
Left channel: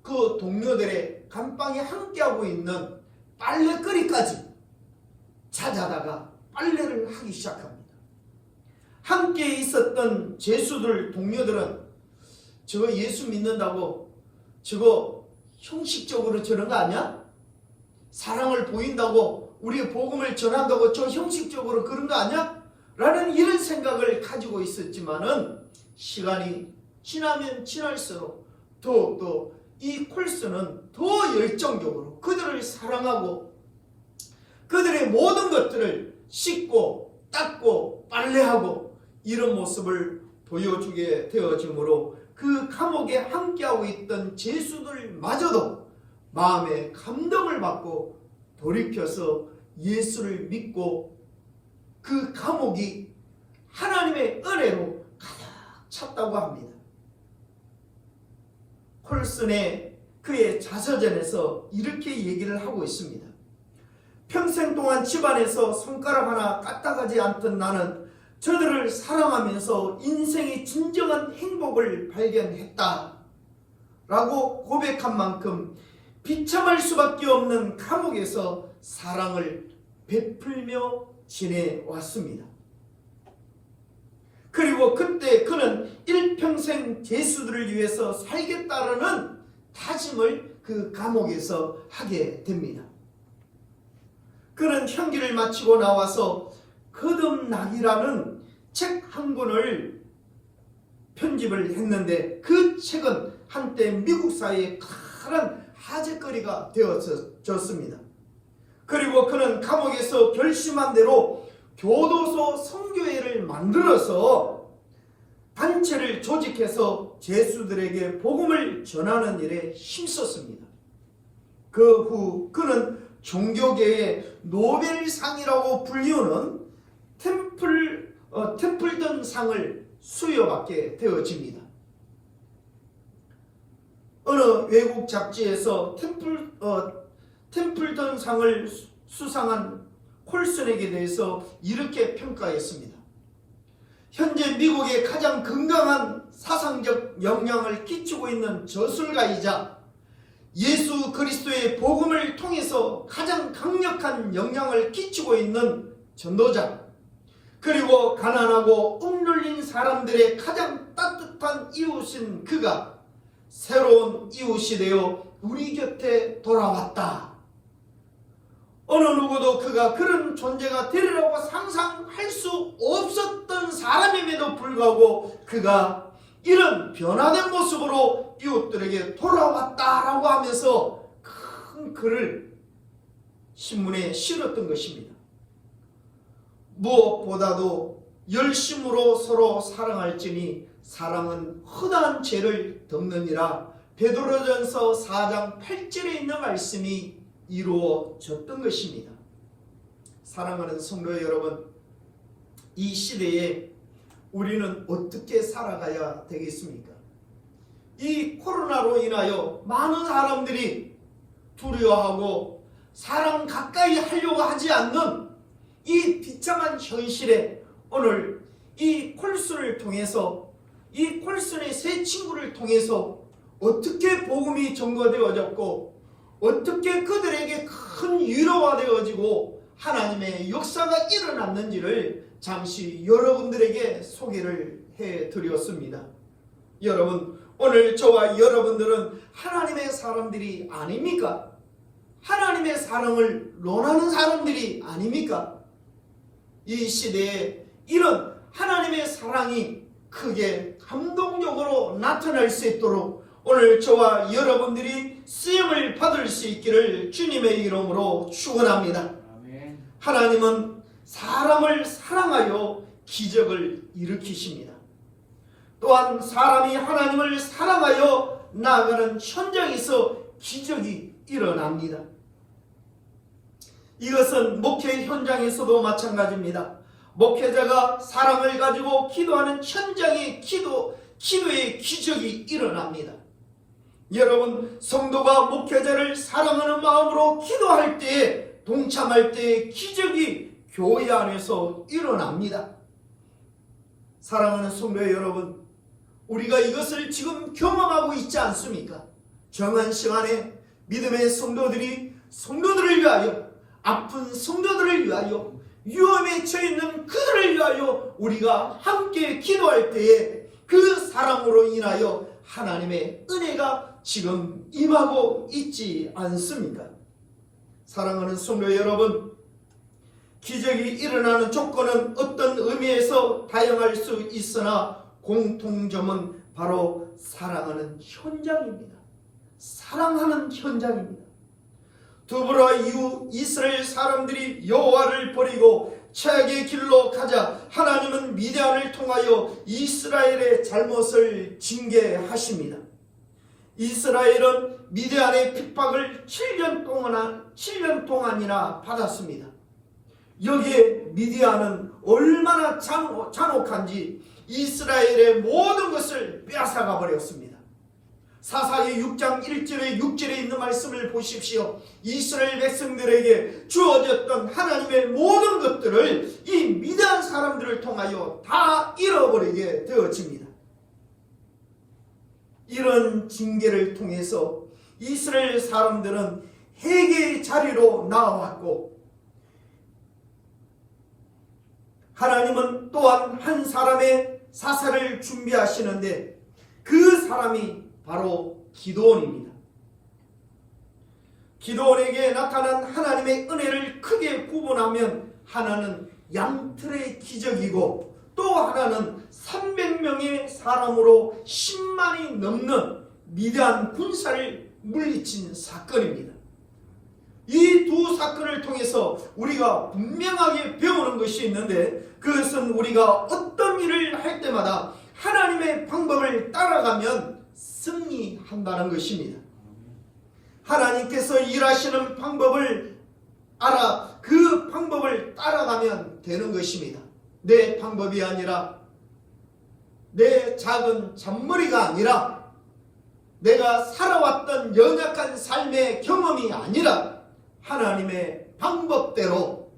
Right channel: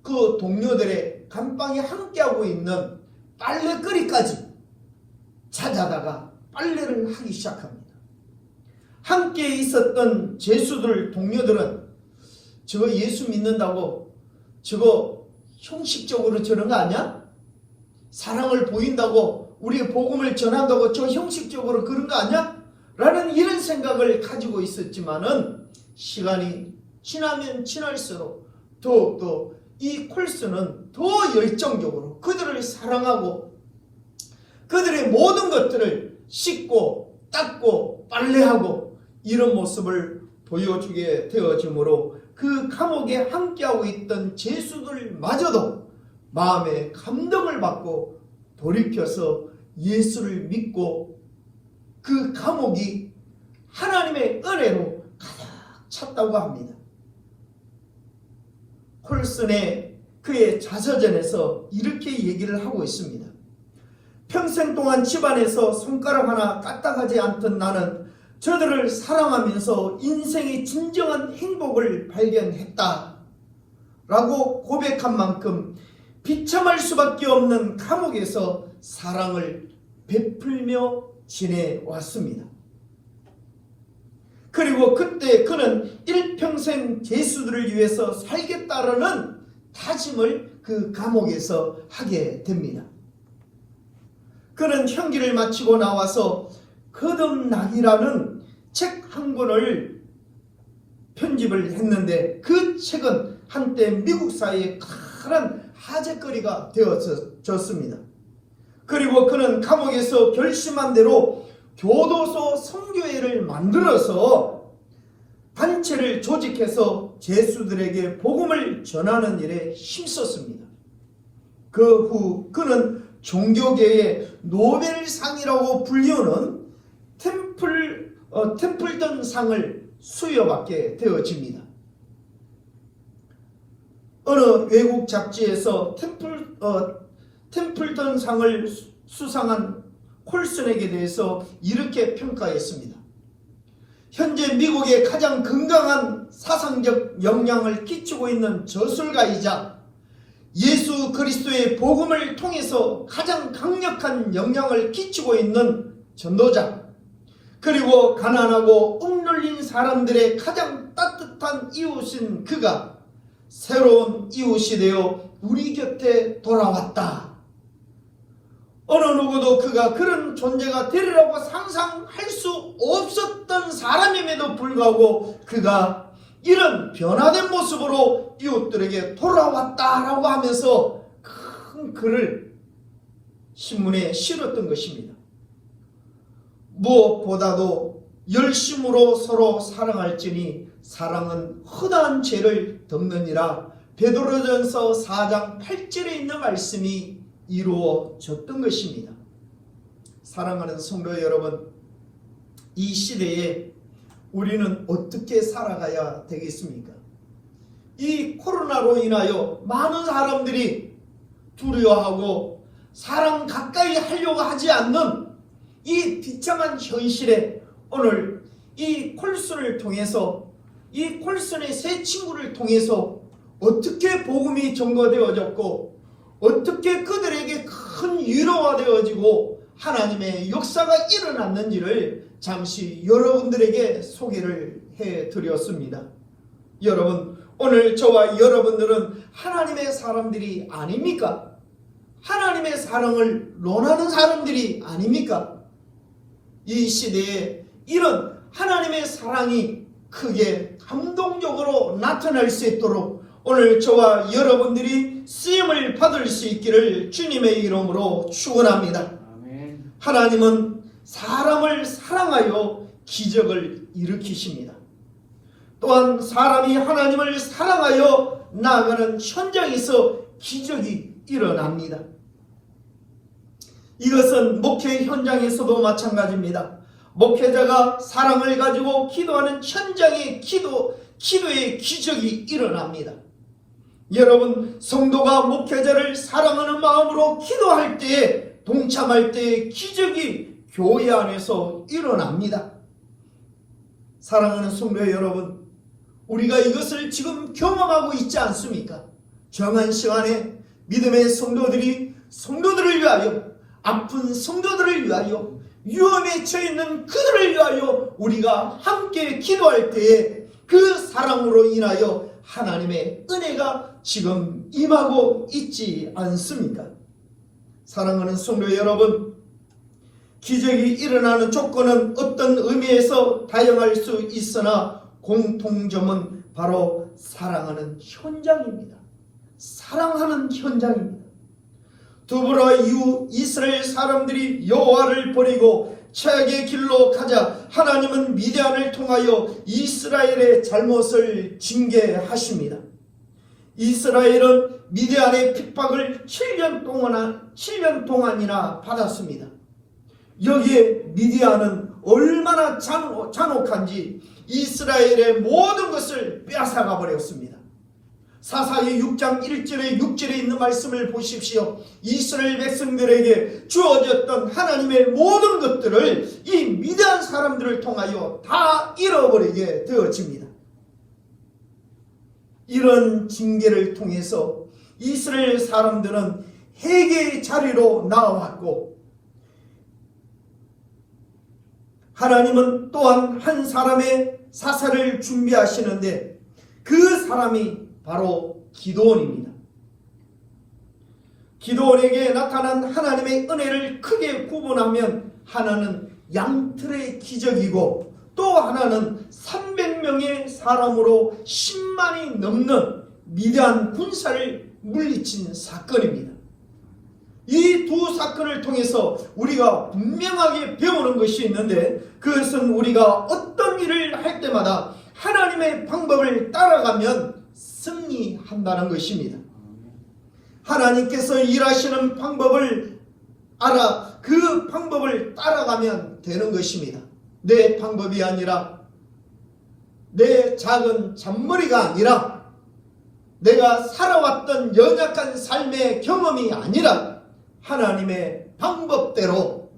그 동료들의 감방에 함께하고 있는 빨래거리까지 찾아다가 빨래를 하기 시작합니다. 함께 있었던 죄수들 동료들은 저거 예수 믿는다고 저거 형식적으로 저런 거 아니야? 사랑을 보인다고 우리 복음을 전한다고 저 형식적으로 그런 거 아니야? 라는 이런 생각을 가지고 있었지만은 시간이 지나면 지날수록 더욱더 이 콜슨은 더 열정적으로 그들을 사랑하고 그들의 모든 것들을 씻고 닦고 빨래하고 이런 모습을 보여주게 되어지므로 그 감옥에 함께하고 있던 죄수들마저도 마음에 감동을 받고 돌이켜서 예수를 믿고 그 감옥이 하나님의 은혜로 가득 찼다고 합니다. 콜슨의 그의 자서전에서 이렇게 얘기를 하고 있습니다. 평생 동안 집안에서 손가락 하나 까딱하지 않던 나는 저들을 사랑하면서 인생의 진정한 행복을 발견했다 라고 고백한 만큼 비참할 수밖에 없는 감옥에서 사랑을 베풀며 지내왔습니다. 그리고 그때 그는 일평생 죄수들을 위해서 살겠다라는 다짐을 그 감옥에서 하게 됩니다. 그는 형기를 마치고 나와서 거듭나기라는 책 한 권을 편집을 했는데 그 책은 한때 미국 사회의 큰 화제거리가 되어졌습니다. 그리고 그는 감옥에서 결심한 대로 교도소 선교회를 만들어서 단체를 조직해서 죄수들에게 복음을 전하는 일에 힘썼습니다. 그 후 그는 종교계의 노벨상이라고 불리우는 템플턴 상을 수여받게 되어집니다. 어느 외국 잡지에서 템플턴 상을 수상한 콜슨에게 대해서 이렇게 평가했습니다. 현재 미국에 가장 건강한 사상적 영향을 끼치고 있는 저술가이자 예수 그리스도의 복음을 통해서 가장 강력한 영향을 끼치고 있는 전도자, 그리고 가난하고 억눌린 사람들의 가장 따뜻한 이웃인 그가 새로운 이웃이 되어 우리 곁에 돌아왔다. 어느 누구도 그가 그런 존재가 되리라고 상상할 수 없었던 사람임에도 불구하고 그가 이런 변화된 모습으로 이웃들에게 돌아왔다라고 하면서 큰 글을 신문에 실었던 것입니다. 무엇보다도 열심으로 서로 사랑할지니 사랑은 허다한 죄를 덮느니라. 베드로전서 4장 8절에 있는 말씀이 이루어졌던 것입니다. 사랑하는 성도 여러분, 이 시대에 우리는 어떻게 살아가야 되겠습니까? 이 코로나로 인하여 많은 사람들이 두려워하고 사랑 가까이 하려고 하지 않는 이 비참한 현실에 오늘 이 콜슨을 통해서, 이 콜슨의 세 친구를 통해서 어떻게 복음이 전거되어졌고 어떻게 그들에게 큰 위로가 되어지고 하나님의 역사가 일어났는지를 잠시 여러분들에게 소개를 해드렸습니다. 여러분, 오늘 저와 여러분들은 하나님의 사람들이 아닙니까? 하나님의 사랑을 논하는 사람들이 아닙니까? 이 시대에 이런 하나님의 사랑이 크게 감동적으로 나타날 수 있도록 오늘 저와 여러분들이 쓰임을 받을 수 있기를 주님의 이름으로 축원합니다. 하나님은 사람을 사랑하여 기적을 일으키십니다. 또한 사람이 하나님을 사랑하여 나아가는 현장에서 기적이 일어납니다. 이것은 목회 현장에서도 마찬가지입니다. 목회자가 사랑을 가지고 기도하는 현장의 기도의 기적이 일어납니다. 여러분, 성도가 목회자를 사랑하는 마음으로 기도할 때에, 동참할 때에 기적이 교회 안에서 일어납니다. 사랑하는 성도 여러분, 우리가 이것을 지금 경험하고 있지 않습니까? 정한 시간에 믿음의 성도들을 위하여, 아픈 성도들을 위하여, 위험에 처해 있는 그들을 위하여 우리가 함께 기도할 때에 그 사랑으로 인하여 하나님의 은혜가 지금 임하고 있지 않습니까? 사랑하는 성도 여러분, 기적이 일어나는 조건은 어떤 의미에서 다양할 수 있으나 공통점은 바로 사랑하는 현장입니다. 사랑하는 현장입니다. 두보라 이후 이스라엘 사람들이 여호와를 버리고 최악의 길로 가자 하나님은 미디안을 통하여 이스라엘의 잘못을 징계하십니다. 이스라엘은 미디안의 핍박을 7년 동안이나 받았습니다. 여기에 미디안은 얼마나 잔혹한지 이스라엘의 모든 것을 빼앗아가 버렸습니다. 사사기 6장 1절에 6절에 있는 말씀을 보십시오. 이스라엘 백성들에게 주어졌던 하나님의 모든 것들을 이 미디안 사람들을 통하여 다 잃어버리게 되어집니다. 이런 징계를 통해서 이스라엘 사람들은 회개의 자리로 나왔고, 하나님은 또한 한 사람의 사사를 준비하시는데 그 사람이 바로 기드온입니다. 기드온에게 나타난 하나님의 은혜를 크게 구분하면 하나는 양틀의 기적이고 또 하나는 300명의 사람으로 10만이 넘는 미디안 군사를 물리친 사건입니다. 이 두 사건을 통해서 우리가 분명하게 배우는 것이 있는데, 그것은 우리가 어떤 일을 할 때마다 하나님의 방법을 따라가면 승리한다는 것입니다. 하나님께서 일하시는 방법을 알아 그 방법을 따라가면 되는 것입니다. 내 방법이 아니라, 내 작은 잔머리가 아니라, 내가 살아왔던 연약한 삶의 경험이 아니라 하나님의 방법대로,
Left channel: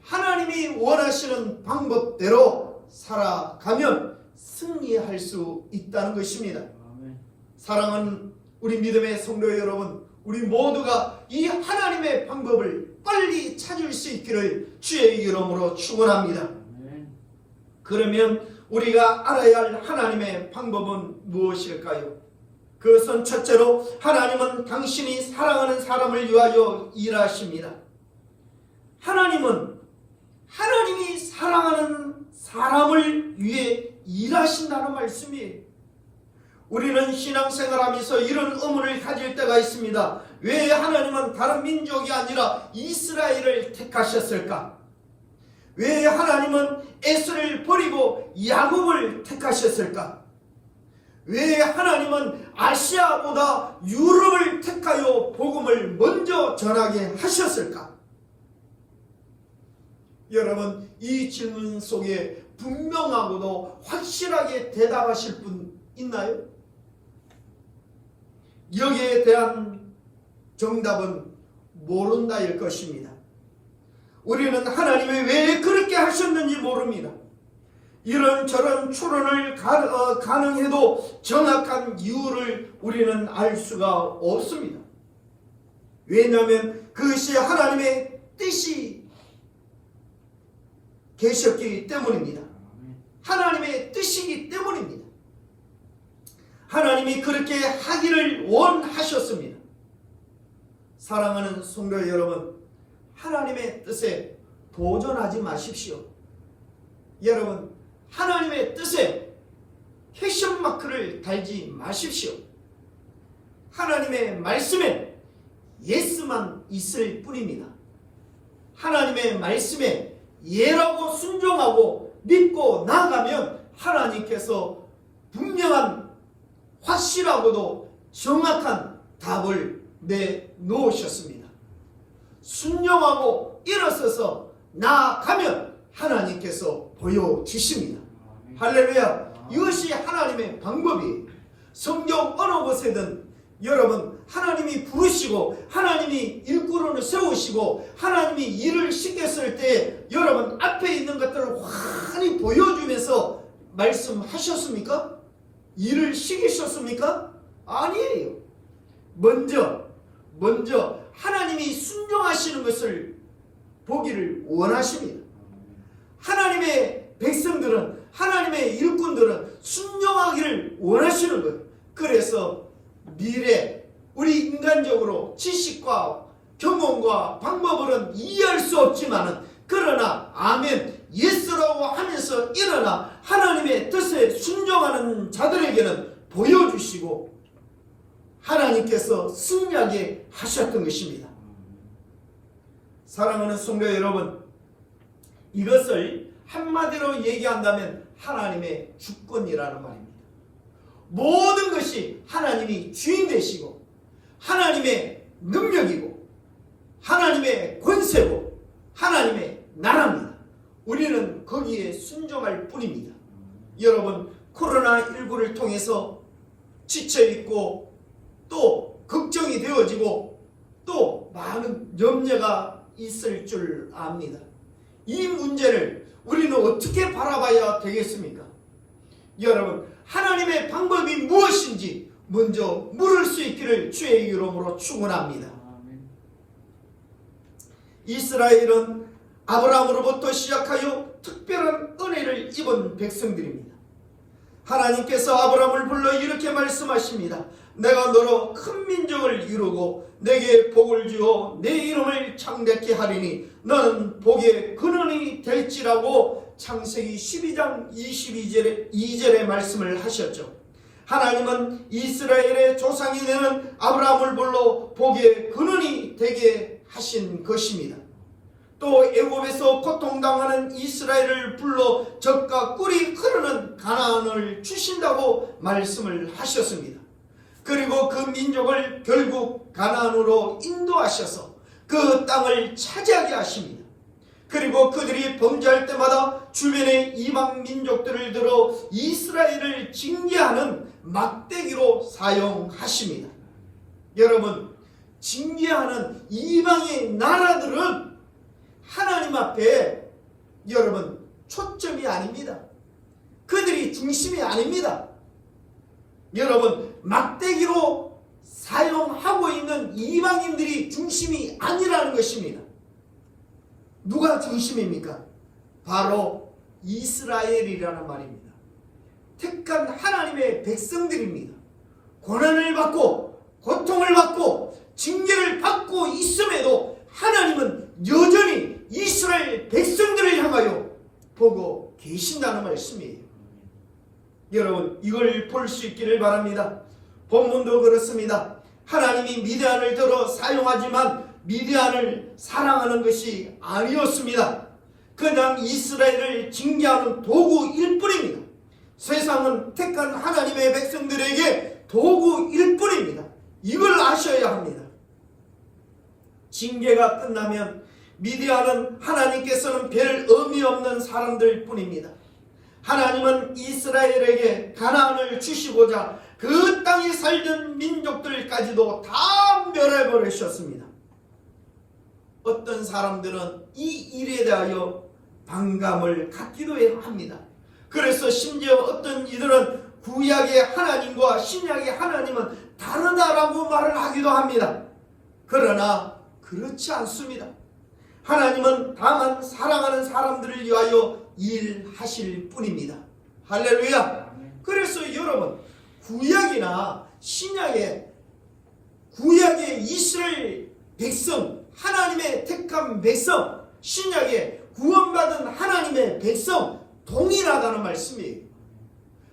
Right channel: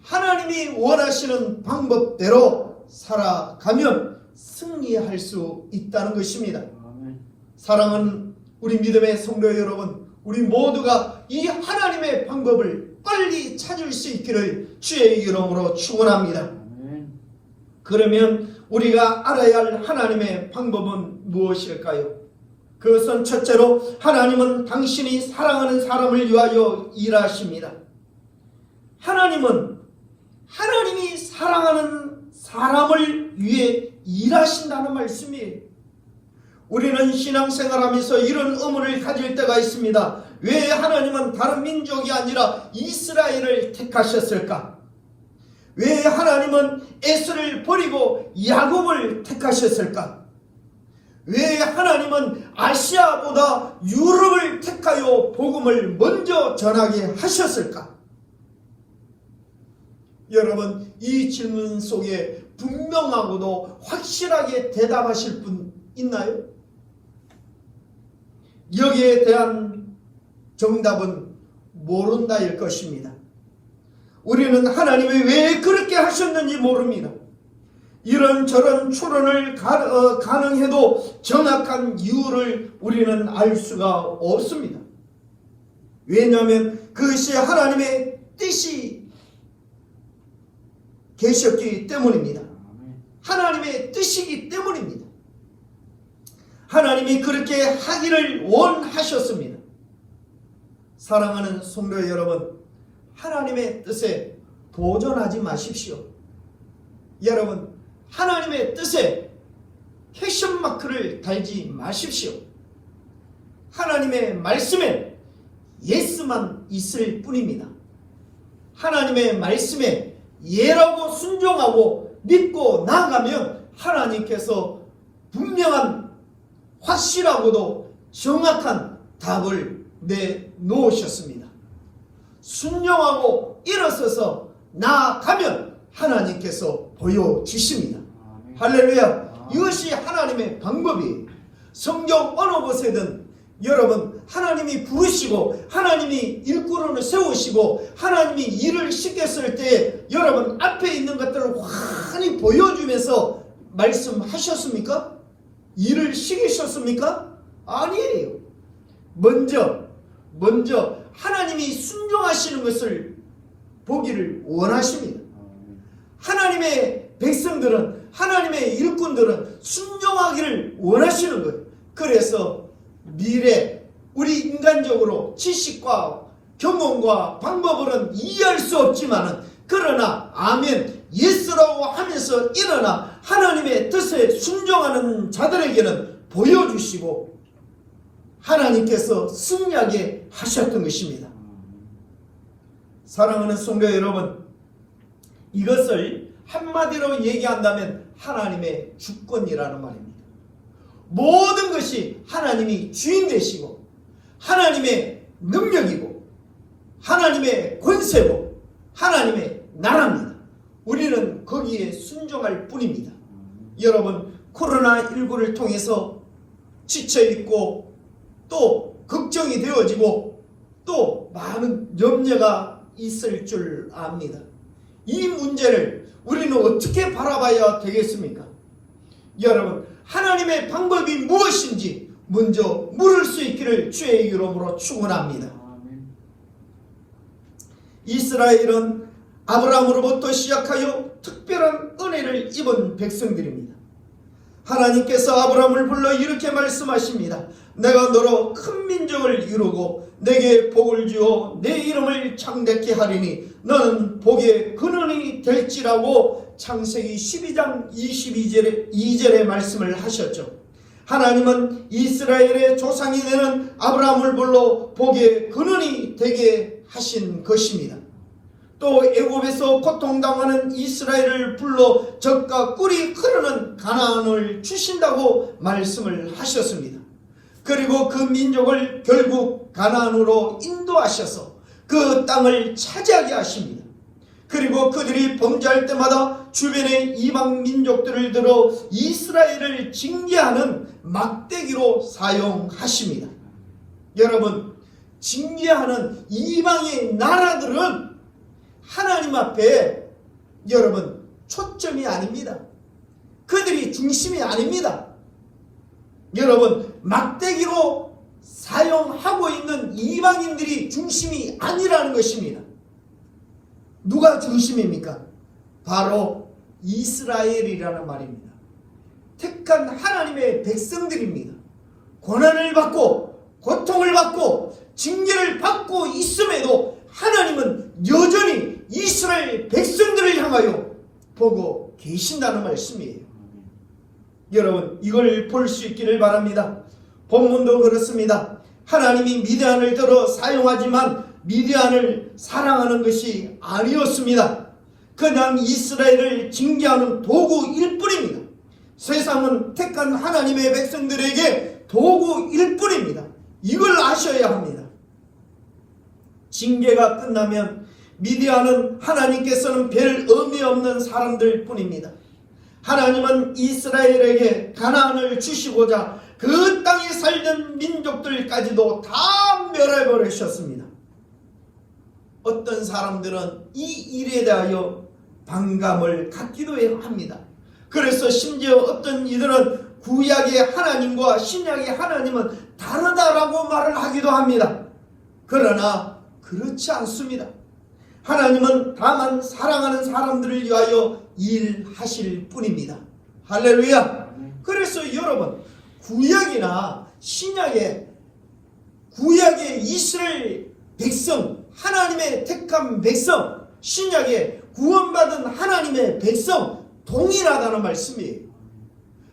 하나님이 원하시는 방법대로 살아가면 승리할 수 있다는 것입니다. 사랑하는 우리 믿음의 성도 여러분, 우리 모두가 이 하나님의 방법을 빨리 찾을 수 있기를 주의 이름으로 축원합니다. 그러면 우리가 알아야 할 하나님의 방법은 무엇일까요? 그것은 첫째로 하나님은 당신이 사랑하는 사람을 위하여 일하십니다. 하나님이 사랑하는 사람을 위해 일하신다는 말씀이에요. 우리는 신앙생활하면서 이런 의문을 가질 때가 있습니다. 왜 하나님은 다른 민족이 아니라 이스라엘을 택하셨을까? 왜 하나님은 에스를 버리고 야곱을 택하셨을까? 왜 하나님은 아시아보다 유럽을 택하여 복음을 먼저 전하게 하셨을까? 여러분, 이 질문 속에 분명하고도 확실하게 대답하실 분 있나요? 여기에 대한 정답은 모른다일 것입니다. 우리는 하나님이 왜 그렇게 하셨는지 모릅니다. 이런저런 추론을 가능해도 정확한 이유를 우리는 알 수가 없습니다. 왜냐하면 그것이 하나님의 뜻이 계셨기 때문입니다. 하나님의 뜻이기 때문입니다. 하나님이 그렇게 하기를 원하셨습니다. 사랑하는 성도 여러분, 하나님의 뜻에 도전하지 마십시오. 여러분, 하나님의 뜻에 캐션 마크를 달지 마십시오. 하나님의 말씀에 예스만 있을 뿐입니다. 하나님의 말씀에 예라고 순종하고 믿고 나아가면 하나님께서 분명한 확실하고도 정확한 답을 내놓으셨습니다. 순종하고 일어서서 나아가면 하나님께서 보여주십니다. 할렐루야. 이것이 하나님의 방법이에요. 성경 어느 곳에든 여러분 하나님이 부르시고 하나님이 일꾼을 세우시고 하나님이 일을 시켰을 때 여러분 앞에 있는 것들을 환히 보여주면서 말씀하셨습니까? 일을 시키셨습니까? 아니에요. 먼저 하나님이 순종하시는 것을 보기를 원하십니다. 하나님의 백성들은 하나님의 일꾼들은 순종하기를 원하시는 거예요. 그래서 미래 우리 인간적으로 지식과 경험과 방법으로는 이해할 수 없지만은 그러나 아멘 예스라고 하면서 일어나 하나님의 뜻에 순종하는 자들에게는 보여주시고 하나님께서 승리하게 하셨던 것입니다. 사랑하는 성도 여러분, 이것을 한마디로 얘기한다면 하나님의 주권이라는 말입니다. 모든 것이 하나님이 주인 되시고 하나님의 능력이고 하나님의 권세고 하나님의 나라입니다. 우리는 거기에 순종할 뿐입니다. 여러분 코로나19를 통해서 지쳐있고 또 걱정이 되어지고 또 많은 염려가 있을 줄 압니다. 이 문제를 우리는 어떻게 바라봐야 되겠습니까? 여러분 하나님의 방법이 무엇인지 먼저 물을 수 있기를 주의 이름으로 축원합니다. 이스라엘은 아브라함으로부터 시작하여 특별한 은혜를 입은 백성들입니다. 하나님께서 아브라함을 불러 이렇게 말씀하십니다. 내가 너로 큰 민족을 이루고 내게 복을 주어 내 이름을 창대케 하리니 너는 복의 근원이 될지라고 창세기 12장 22절의 말씀을 하셨죠. 하나님은 이스라엘의 조상이 되는 아브라함을 불러 복의 근원이 되게 하신 것입니다. 또 애굽에서 고통당하는 이스라엘을 불러 젖과 꿀이 흐르는 가나안을 주신다고 말씀을 하셨습니다. 그리고 그 민족을 결국 가나안으로 인도하셔서 그 땅을 차지하게 하십니다. 그리고 그들이 범죄할 때마다 주변의 이방 민족들을 들어 이스라엘을 징계하는 막대기로 사용하십니다. 여러분, 징계하는 이방의 나라들은 하나님 앞에 여러분 초점이 아닙니다. 그들이 중심이 아닙니다. 여러분 막대기로 사용하고 있는 이방인들이 중심이 아니라는 것입니다. 누가 중심입니까? 바로 이스라엘이라는 말입니다. 택한 하나님의 백성들입니다. 고난을 받고 고통을 받고 징계를 받고 있음에도 하나님은 여전히 이스라엘 백성들을 향하여 보고 계신다는 말씀이에요. 여러분 이걸 볼 수 있기를 바랍니다. 본문도 그렇습니다. 하나님이 미디안을 들어 사용하지만 미디안을 사랑하는 것이 아니었습니다. 그냥 이스라엘을 징계하는 도구일 뿐입니다. 세상은 택한 하나님의 백성들에게 도구일 뿐입니다. 이걸 아셔야 합니다. 징계가 끝나면 미디안은 하나님께서는 별 의미 없는 사람들 뿐입니다. 하나님은 이스라엘에게 가나안을 주시고자 그 땅에 살던 민족들까지도 다 멸해버리셨습니다. 어떤 사람들은 이 일에 대하여 반감을 갖기도 합니다. 그래서 심지어 어떤 이들은 구약의 하나님과 신약의 하나님은 다르다라고 말을 하기도 합니다. 그러나 그렇지 않습니다. 하나님은 다만 사랑하는 사람들을 위하여 일하실 뿐입니다. 할렐루야. 그래서 여러분 구약이나 신약의 구약의 이스라엘 백성, 하나님의 택한 백성, 신약의 구원받은 하나님의 백성 동일하다는 말씀이에요.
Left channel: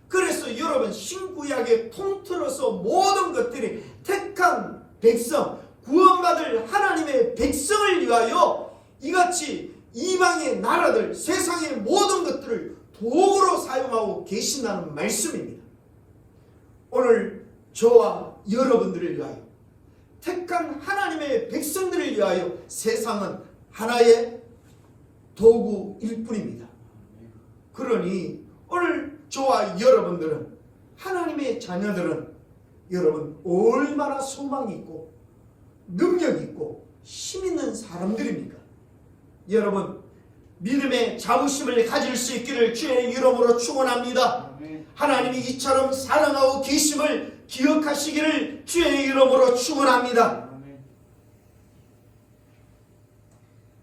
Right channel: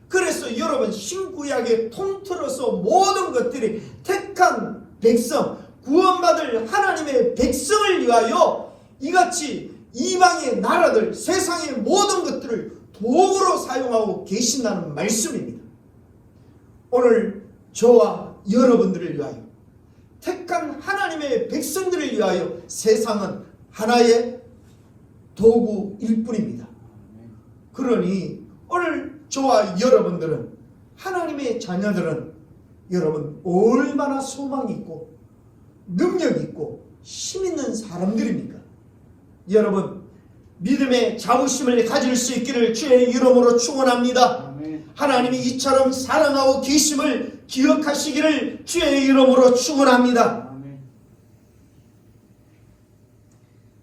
그래서 여러분 신구약에 통틀어서 모든 것들이 택한 백성, 구원받을 하나님의 백성을 위하여 이같이 이방의 나라들, 세상의 모든 것들을 도구로 사용하고 계신다는 말씀입니다. 오늘 저와 여러분들을 위하여, 택한 하나님의 백성들을 위하여 세상은 하나의 도구일 뿐입니다. 그러니 오늘 저와 여러분들은, 하나님의 자녀들은 여러분 얼마나 소망이 있고 능력 있고 힘 있는 사람들입니까? 여러분 믿음의 자부심을 가질 수 있기를 주의 이름으로 축원합니다. 하나님이 이처럼 사랑하고 계심을 기억하시기를 주의 이름으로 축원합니다.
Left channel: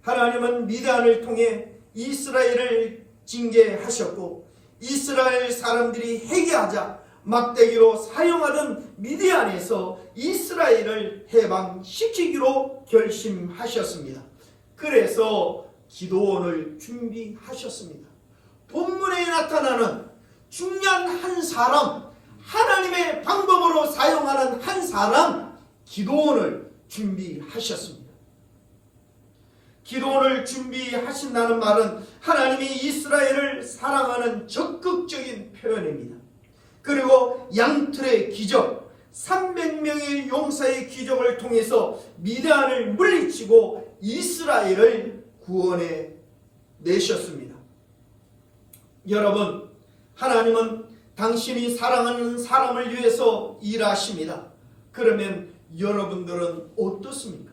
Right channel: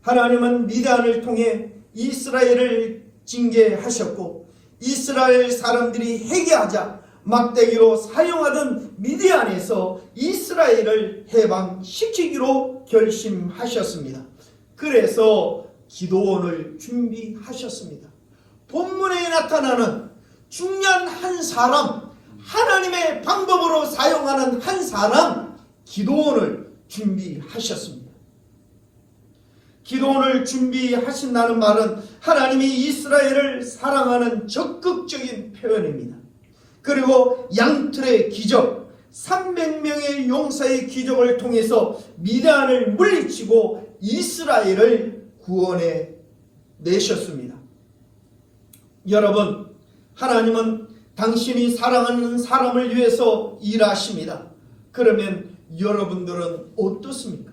하나님은 미디안을 통해 이스라엘을 징계하셨고, 이스라엘 사람들이 회개하자 막대기로 사용하던 미디안에서 이스라엘을 해방시키기로 결심하셨습니다. 그래서 기도원을 준비하셨습니다. 본문에 나타나는 중요한 한 사람, 하나님의 방법으로 사용하는 한 사람, 기도원을 준비하셨습니다. 기도원을 준비하신다는 말은 하나님이 이스라엘을 사랑하는 적극적인 표현입니다. 그리고 양틀의 기적, 300명의 용사의 기적을 통해서 미디안을 물리치고 이스라엘을 구원해 내셨습니다. 여러분, 하나님은 당신이 사랑하는 사람을 위해서 일하십니다. 그러면 여러분들은 어떻습니까?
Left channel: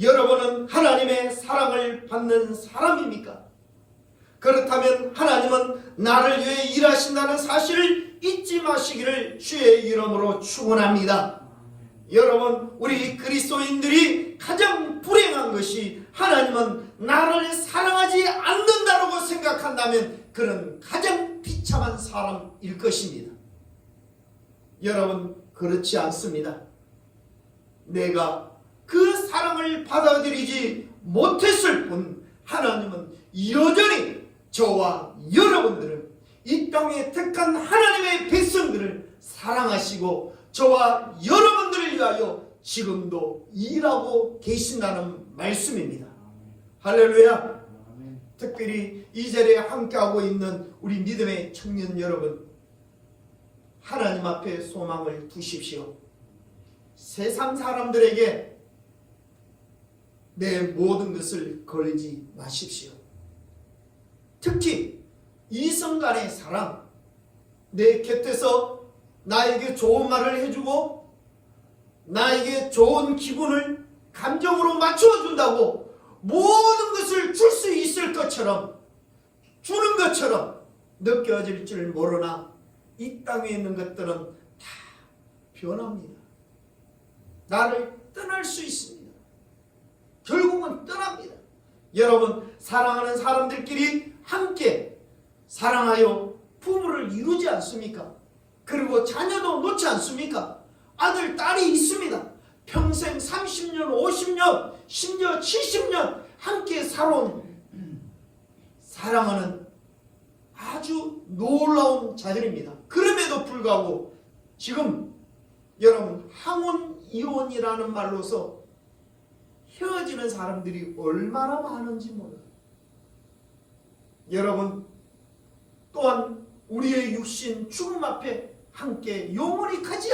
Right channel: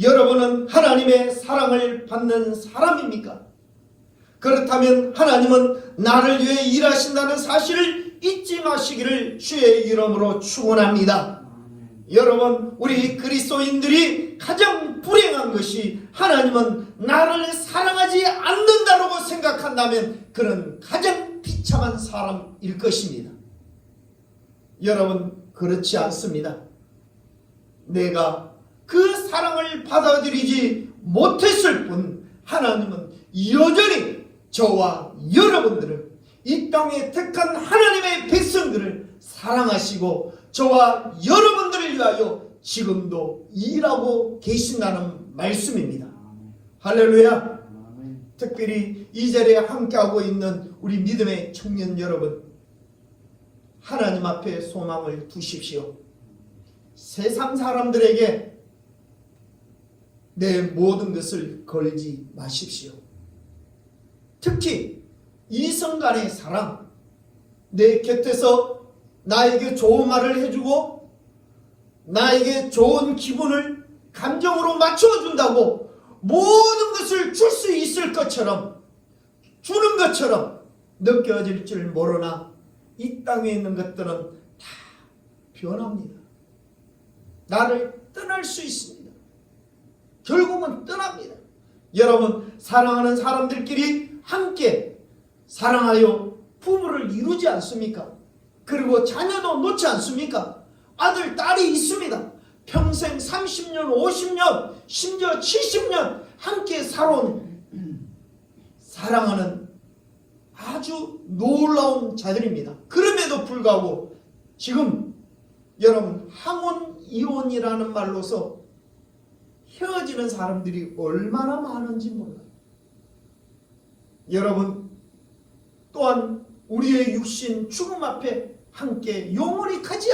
여러분은 하나님의 사랑을 받는 사람입니까? 그렇다면 하나님은 나를 위해 일하신다는 사실을 잊지 마시기를 주의 이름으로 축원합니다. 여러분, 우리 그리스도인들이 가장 불행한 것이 하나님은 나를 사랑하지 않는다라고 생각한다면 그는 가장 비참한 사람일 것입니다. 여러분, 그렇지 않습니다. 내가 그 사랑을 받아들이지 못했을 뿐 하나님은 여전히 저와 여러분들을, 이 땅에 택한 하나님의 백성들을 사랑하시고 저와 여러분들을 위하여 지금도 일하고 계신다는 말씀입니다. 할렐루야. 특별히 이 자리에 함께하고 있는 우리 믿음의 청년 여러분, 하나님 앞에 소망을 두십시오. 세상 사람들에게 내 모든 것을 걸지 마십시오. 특히 이성 간의 사랑, 내 곁에서 나에게 좋은 말을 해주고 나에게 좋은 기분을 감정으로 맞춰준다고 모든 것을 줄 수 있을 것처럼, 주는 것처럼 느껴질 줄 모르나 이 땅에 있는 것들은 다 변합니다. 나를 떠날 수 있습니다. 결국은 떠납니다. 여러분, 사랑하는 사람들끼리 함께 사랑하여 부부를 이루지 않습니까? 그리고 자녀도 놓지 않습니까? 아들, 딸이 있습니다. 평생 30년, 50년, 심지어 70년 함께 살아온 사랑하는 아주 놀라운 자들입니다. 그럼에도 불구하고 지금 여러분, 항원 이혼이라는 말로서 헤어지는 사람들이 얼마나 많은지 몰라요. 여러분, 또한 우리의 육신 죽음 앞에 함께 영원히 가지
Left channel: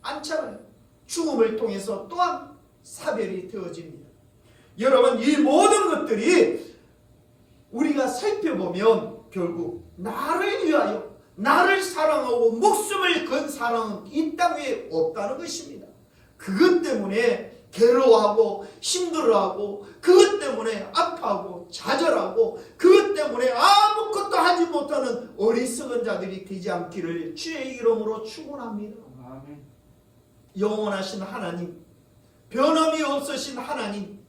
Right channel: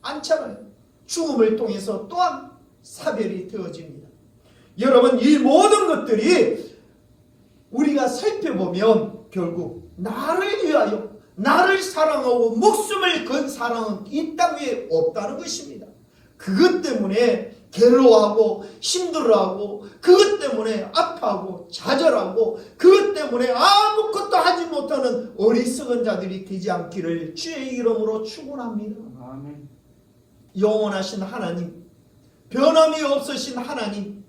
않잖아요. 죽음을 통해서 또한 사별이 되어집니다. 여러분, 이 모든 것들이 우리가 살펴보면 결국 나를 위하여, 나를 사랑하고 목숨을 건 사랑은 이 땅에 없다는 것입니다. 그것 때문에 괴로워하고 힘들어하고, 그것 때문에 아파하고 좌절하고, 그것 때문에 아무것도 하지 못하는 어리석은 자들이 되지 않기를 주의 이름으로 축원합니다. 아멘. 영원하신 하나님, 변함이 없으신 하나님,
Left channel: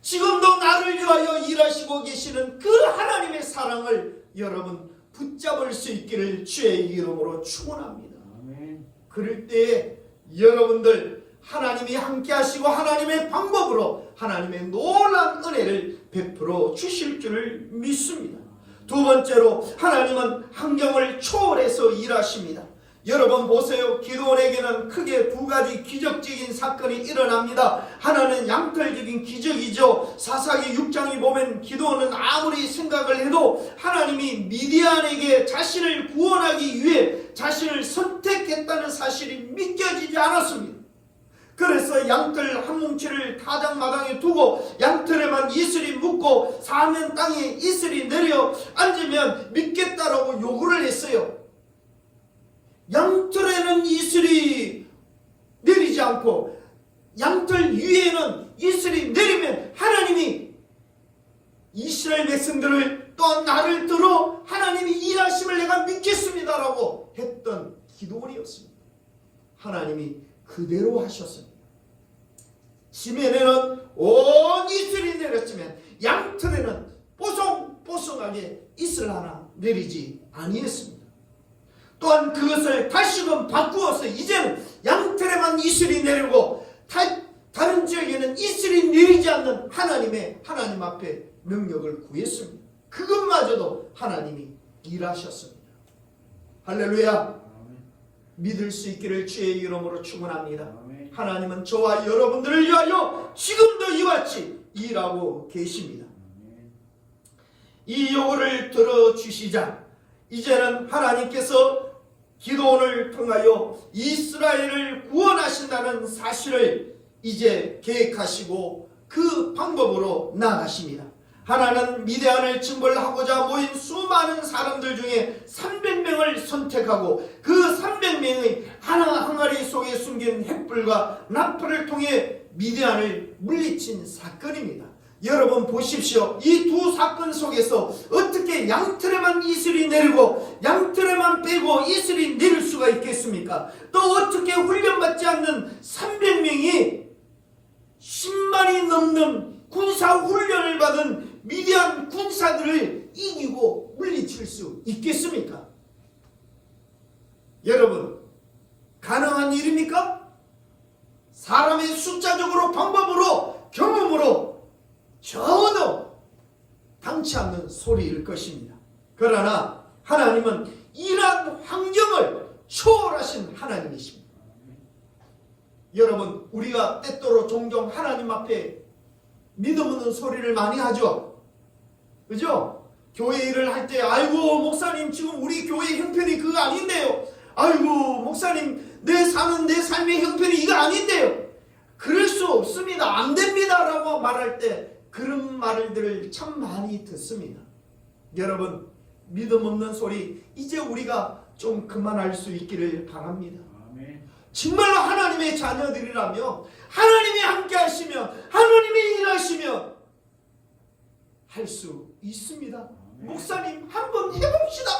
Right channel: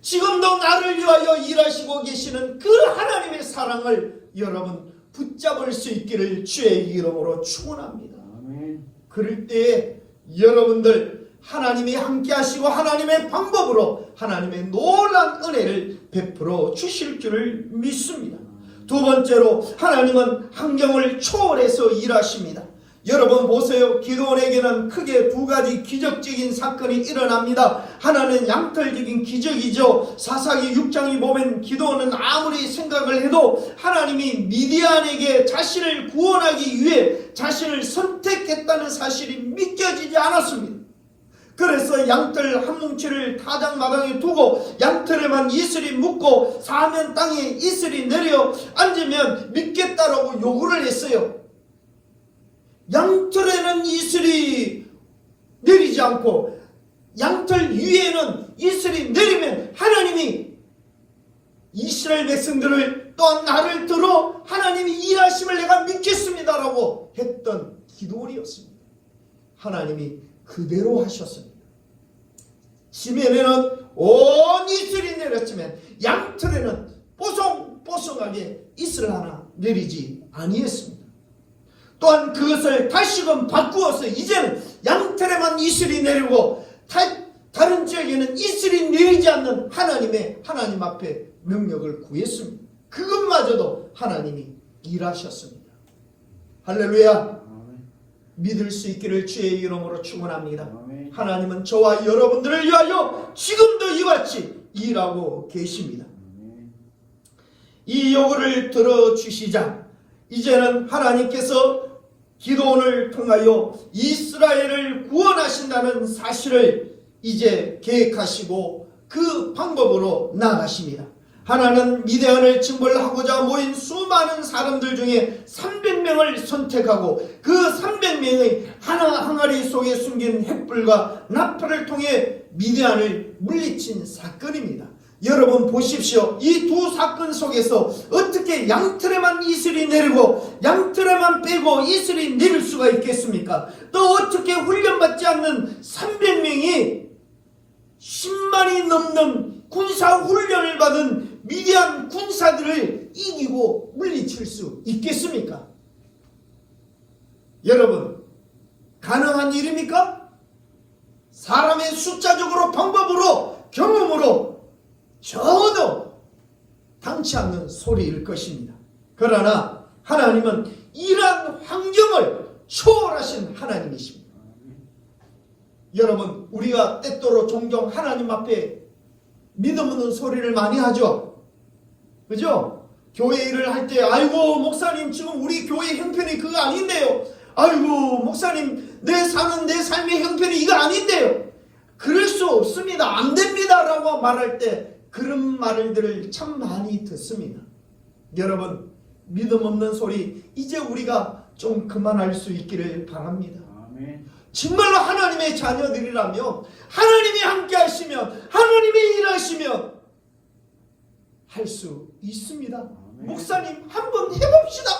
지금도 나를 위하여 일하시고 계시는 그 하나님의 사랑을 여러분 붙잡을 수 있기를 주의 이름으로 축원합니다. 아멘. 그럴 때에 여러분들 하나님이 함께 하시고 하나님의 방법으로 하나님의 놀라운 은혜를 베풀어 주실 줄을 믿습니다. 두 번째로 하나님은 환경을 초월해서 일하십니다. 여러분 보세요. 기드온에게는 크게 두 가지 기적적인 사건이 일어납니다. 하나는 양털적인 기적이죠. 사사기 6장에 보면 기드온은 아무리 생각을 해도 하나님이 미디안에게 자신을 구원하기 위해 자신을 선택했다는 사실이 믿겨지지 않았습니다. 그래서 양털 한 뭉치를 타작마당에 두고 양털에만 이슬이 묻고 사면 땅에 이슬이 내려 앉으면 믿겠다라고 요구를 했어요. 양털에는 이슬이 내리지 않고 양털 위에는 이슬이 내리면 하나님이 이스라엘 백성들을 또한 나를 들어 하나님이 일하심을 내가 믿겠습니다라고 했던 기도원이었습니다. 하나님이 그대로 하셨습니다. 지면에는 온 이슬이 내렸지만 양털에는 뽀송뽀송하게 이슬 하나 내리지 아니했습니다. 또한 그것을 다시금 바꾸어서 이제는 양털에만 이슬이 내리고 다른 지역에는 이슬이 내리지 않는 하나님 앞에 능력을 구했습니다. 그것마저도 하나님이 일하셨습니다. 할렐루야. 믿을 수 있기를 주의 이름으로 축원합니다. 하나님은 저와 여러분들을 위하여 지금도 이와 같이 일하고 계십니다. 이 요구를 들어주시자 이제는 하나님께서 기드온을 통하여 이스라엘을 구원하신다는 사실을 이제 계획하시고 그 방법으로 나아가십니다. 하나는 미디안을 징벌하고자 모인 수많은 사람들 중에 300명을 선택하고 그 300명의 항아리 속에 숨긴 횃불과 나팔을 통해 미디안을 물리친 사건입니다. 여러분 보십시오. 이 두 사건 속에서 어떻게 양털에만 이슬이 내리고 양털에만 빼고 이슬이 내릴 수가 있겠습니까? 또 어떻게 훈련받지 않는 300명이 10만이 넘는 군사 훈련을 받은 미디안 군사들을 이기고 물리칠 수 있겠습니까? 여러분 가능한 일입니까? 사람의 숫자적으로 방법으로 경험으로 전혀 당치 않는 소리일 것입니다. 그러나 하나님은 이러한 환경을 초월하신 하나님이십니다. 여러분 우리가 때때로 종종 하나님 앞에 믿음 없는 소리를 많이 하죠. 그죠? 교회 일을 할 때 아이고 목사님 지금 우리 교회 형편이 그거 아닌데요. 아이고 목사님 내 사는 내 삶의 형편이 이거 아닌데요. 그럴 수 없습니다. 안 됩니다 라고 말할 때 그런 말들을 참 많이 듣습니다. 여러분 믿음 없는 소리 이제 우리가 좀 그만할 수 있기를 바랍니다. 아멘. 정말로 하나님의 자녀들이라면 하나님이 함께 하시면 하나님이 일하시면 할 수 있습니다. 아멘. 목사님 한번 해봅시다.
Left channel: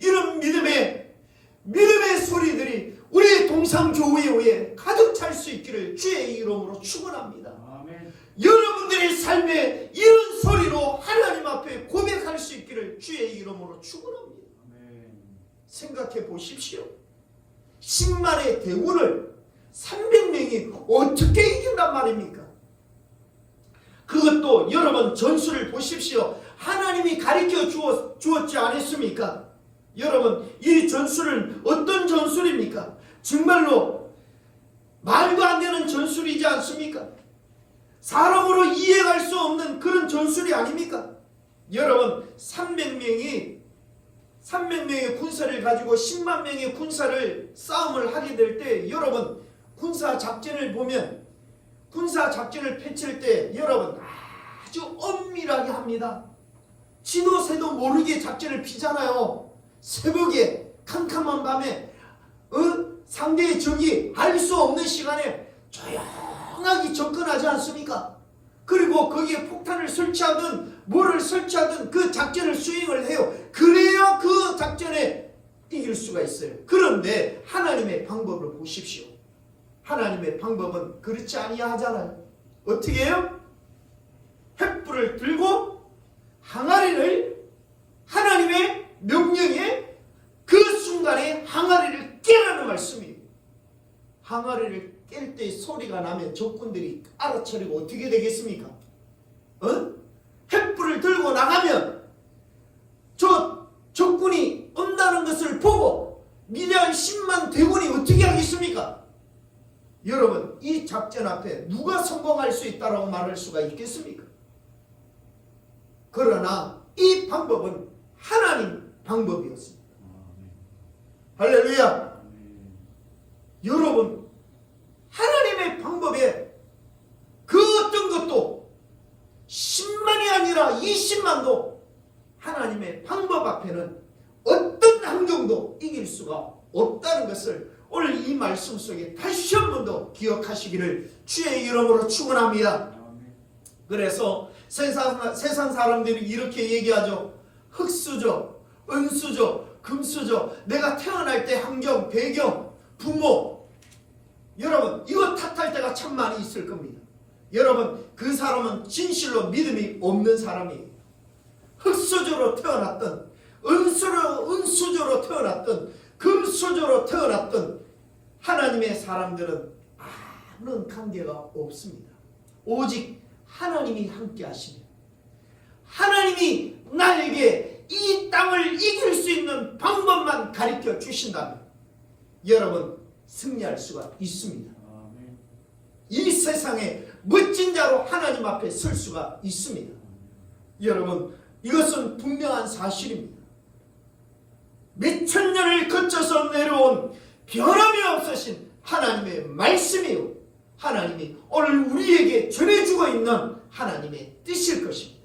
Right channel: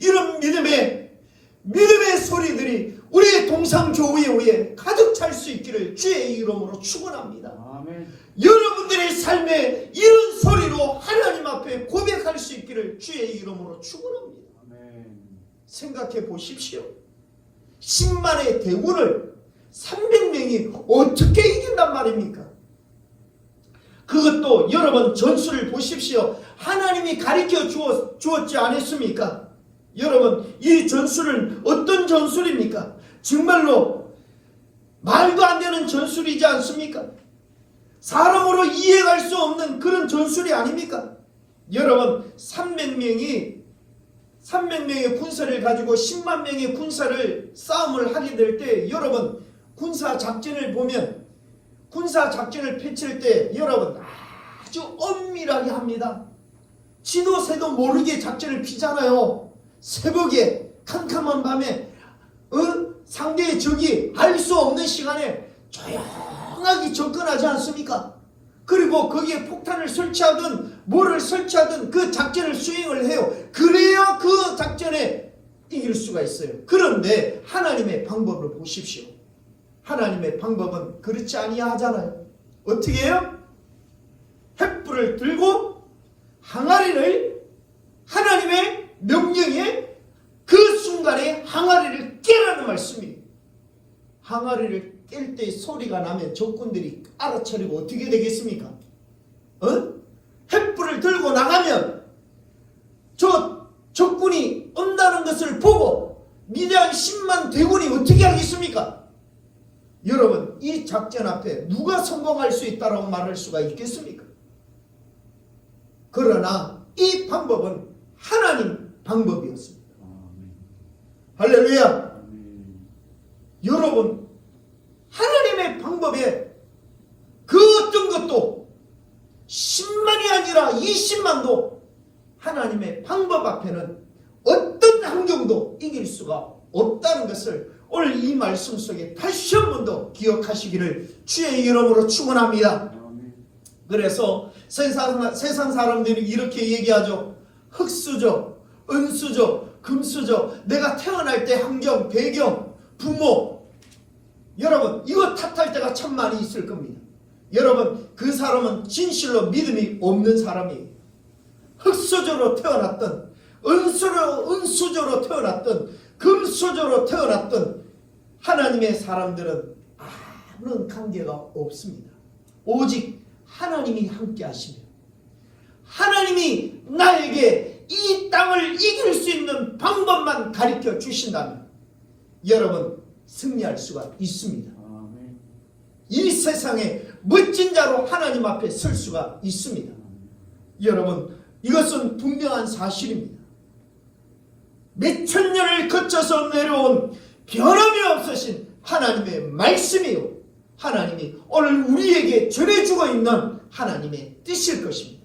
이런 믿음의 소리들이 우리 동상교회에 가득 찰 수 있기를 주의 이름으로 축원합니다. 아멘. 여러분들의 삶에 이런 소리로 하나님 앞에 고백할 수 있기를 주의 이름으로 축원합니다. 아멘. 생각해 보십시오. 10만의 대군을 300명이 어떻게 이긴단 말입니까? 그것도 여러분 전술을 보십시오. 하나님이 가르쳐 주었지 않았습니까? 여러분 이 전술은 어떤 전술입니까? 정말로 말도 안 되는 전술이지 않습니까? 사람으로 이해할 수 없는 그런 전술이 아닙니까? 여러분 300명의 군사를 가지고 10만 명의 군사를 싸움을 하게 될 때 여러분 군사 작전을 보면 군사 작전을 펼칠 때 여러분 아주 엄밀하게 합니다. 지도새도 모르게 작전을 피잖아요. 새벽에 캄캄한 밤에 상대의 적이 알 수 없는 시간에 조용하게 접근하지 않습니까? 그리고 거기에 폭탄을 설치하든 뭐를 설치하든 그 작전을 수행을 해요. 그래야 그 작전에 이길 수가 있어요. 그런데 하나님의 방법을 보십시오. 하나님의 방법은 그렇지 아니하잖아요. 어떻게 해요? 횃불을 들고 항아리를 하나님의 명령에 그 순간에 항아리를 깨라는 말씀이에요. 항아리를 깰 때 소리가 나면 적군들이 알아차리고 어떻게 되겠습니까? 횃불을 들고 나가면 저 적군이 온다는 것을 보고 미디안 10만 대군이 어떻게 하겠습니까? 여러분, 이 작전 앞에 누가 성공할 수 있다고 말할 수가 있겠습니까? 그러나 이 방법은 하나님 방법이었습니다. 할렐루야. 여러분, 하나님의 방법에 그 어떤 것도 10만이 아니라 20만도 하나님의 방법 앞에는 어떤 환경도 이길 수가 없다는 것을 오늘 이 말씀 속에 다시 한 번 더 기억하시기를 주의 이름으로 축원합니다. 그래서 세상 사람들이 이렇게 얘기하죠. 흙수저, 은수저, 금수저, 내가 태어날 때 환경, 배경, 부모, 여러분 이거 탓할 때가 참 많이 있을 겁니다. 여러분, 그 사람은 진실로 믿음이 없는 사람이에요. 흙수저로 태어났던, 은수저로 태어났던, 금수저로 태어났던 하나님의 사람들은 아무런 관계가 없습니다. 오직 하나님이 함께 하시며 하나님이 나에게 이 땅을 이길 수 있는 방법만 가르쳐 주신다면 여러분 승리할 수가 있습니다. 이 세상에 멋진 자로 하나님 앞에 설 수가 있습니다. 여러분, 이것은 분명한 사실입니다. 몇천 년을 거쳐서 내려온 변함이 없으신 하나님의 말씀이요, 하나님이 오늘 우리에게 전해주고 있는 하나님의 뜻일 것입니다.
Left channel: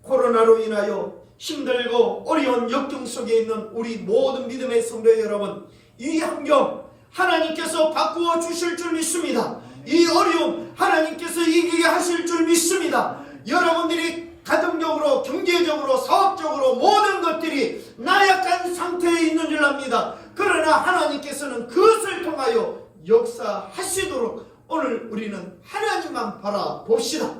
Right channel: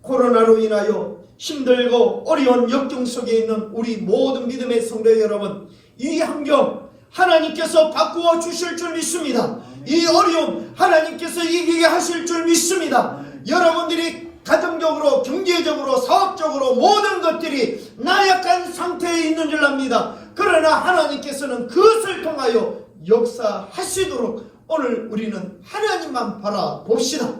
코로나로 인하여 힘들고 어려운 역경 속에 있는 우리 모든 믿음의 성도 여러분, 이 환경 하나님께서 바꾸어 주실 줄 믿습니다. 이 어려움 하나님께서 이기게 하실 줄 믿습니다. 여러분들이 가정적으로, 경제적으로, 사업적으로 모든 것들이 나약한 상태에 있는 줄 압니다. 그러나 하나님께서는 그것을 통하여 역사하시도록 오늘 우리는 하나님만 바라봅시다.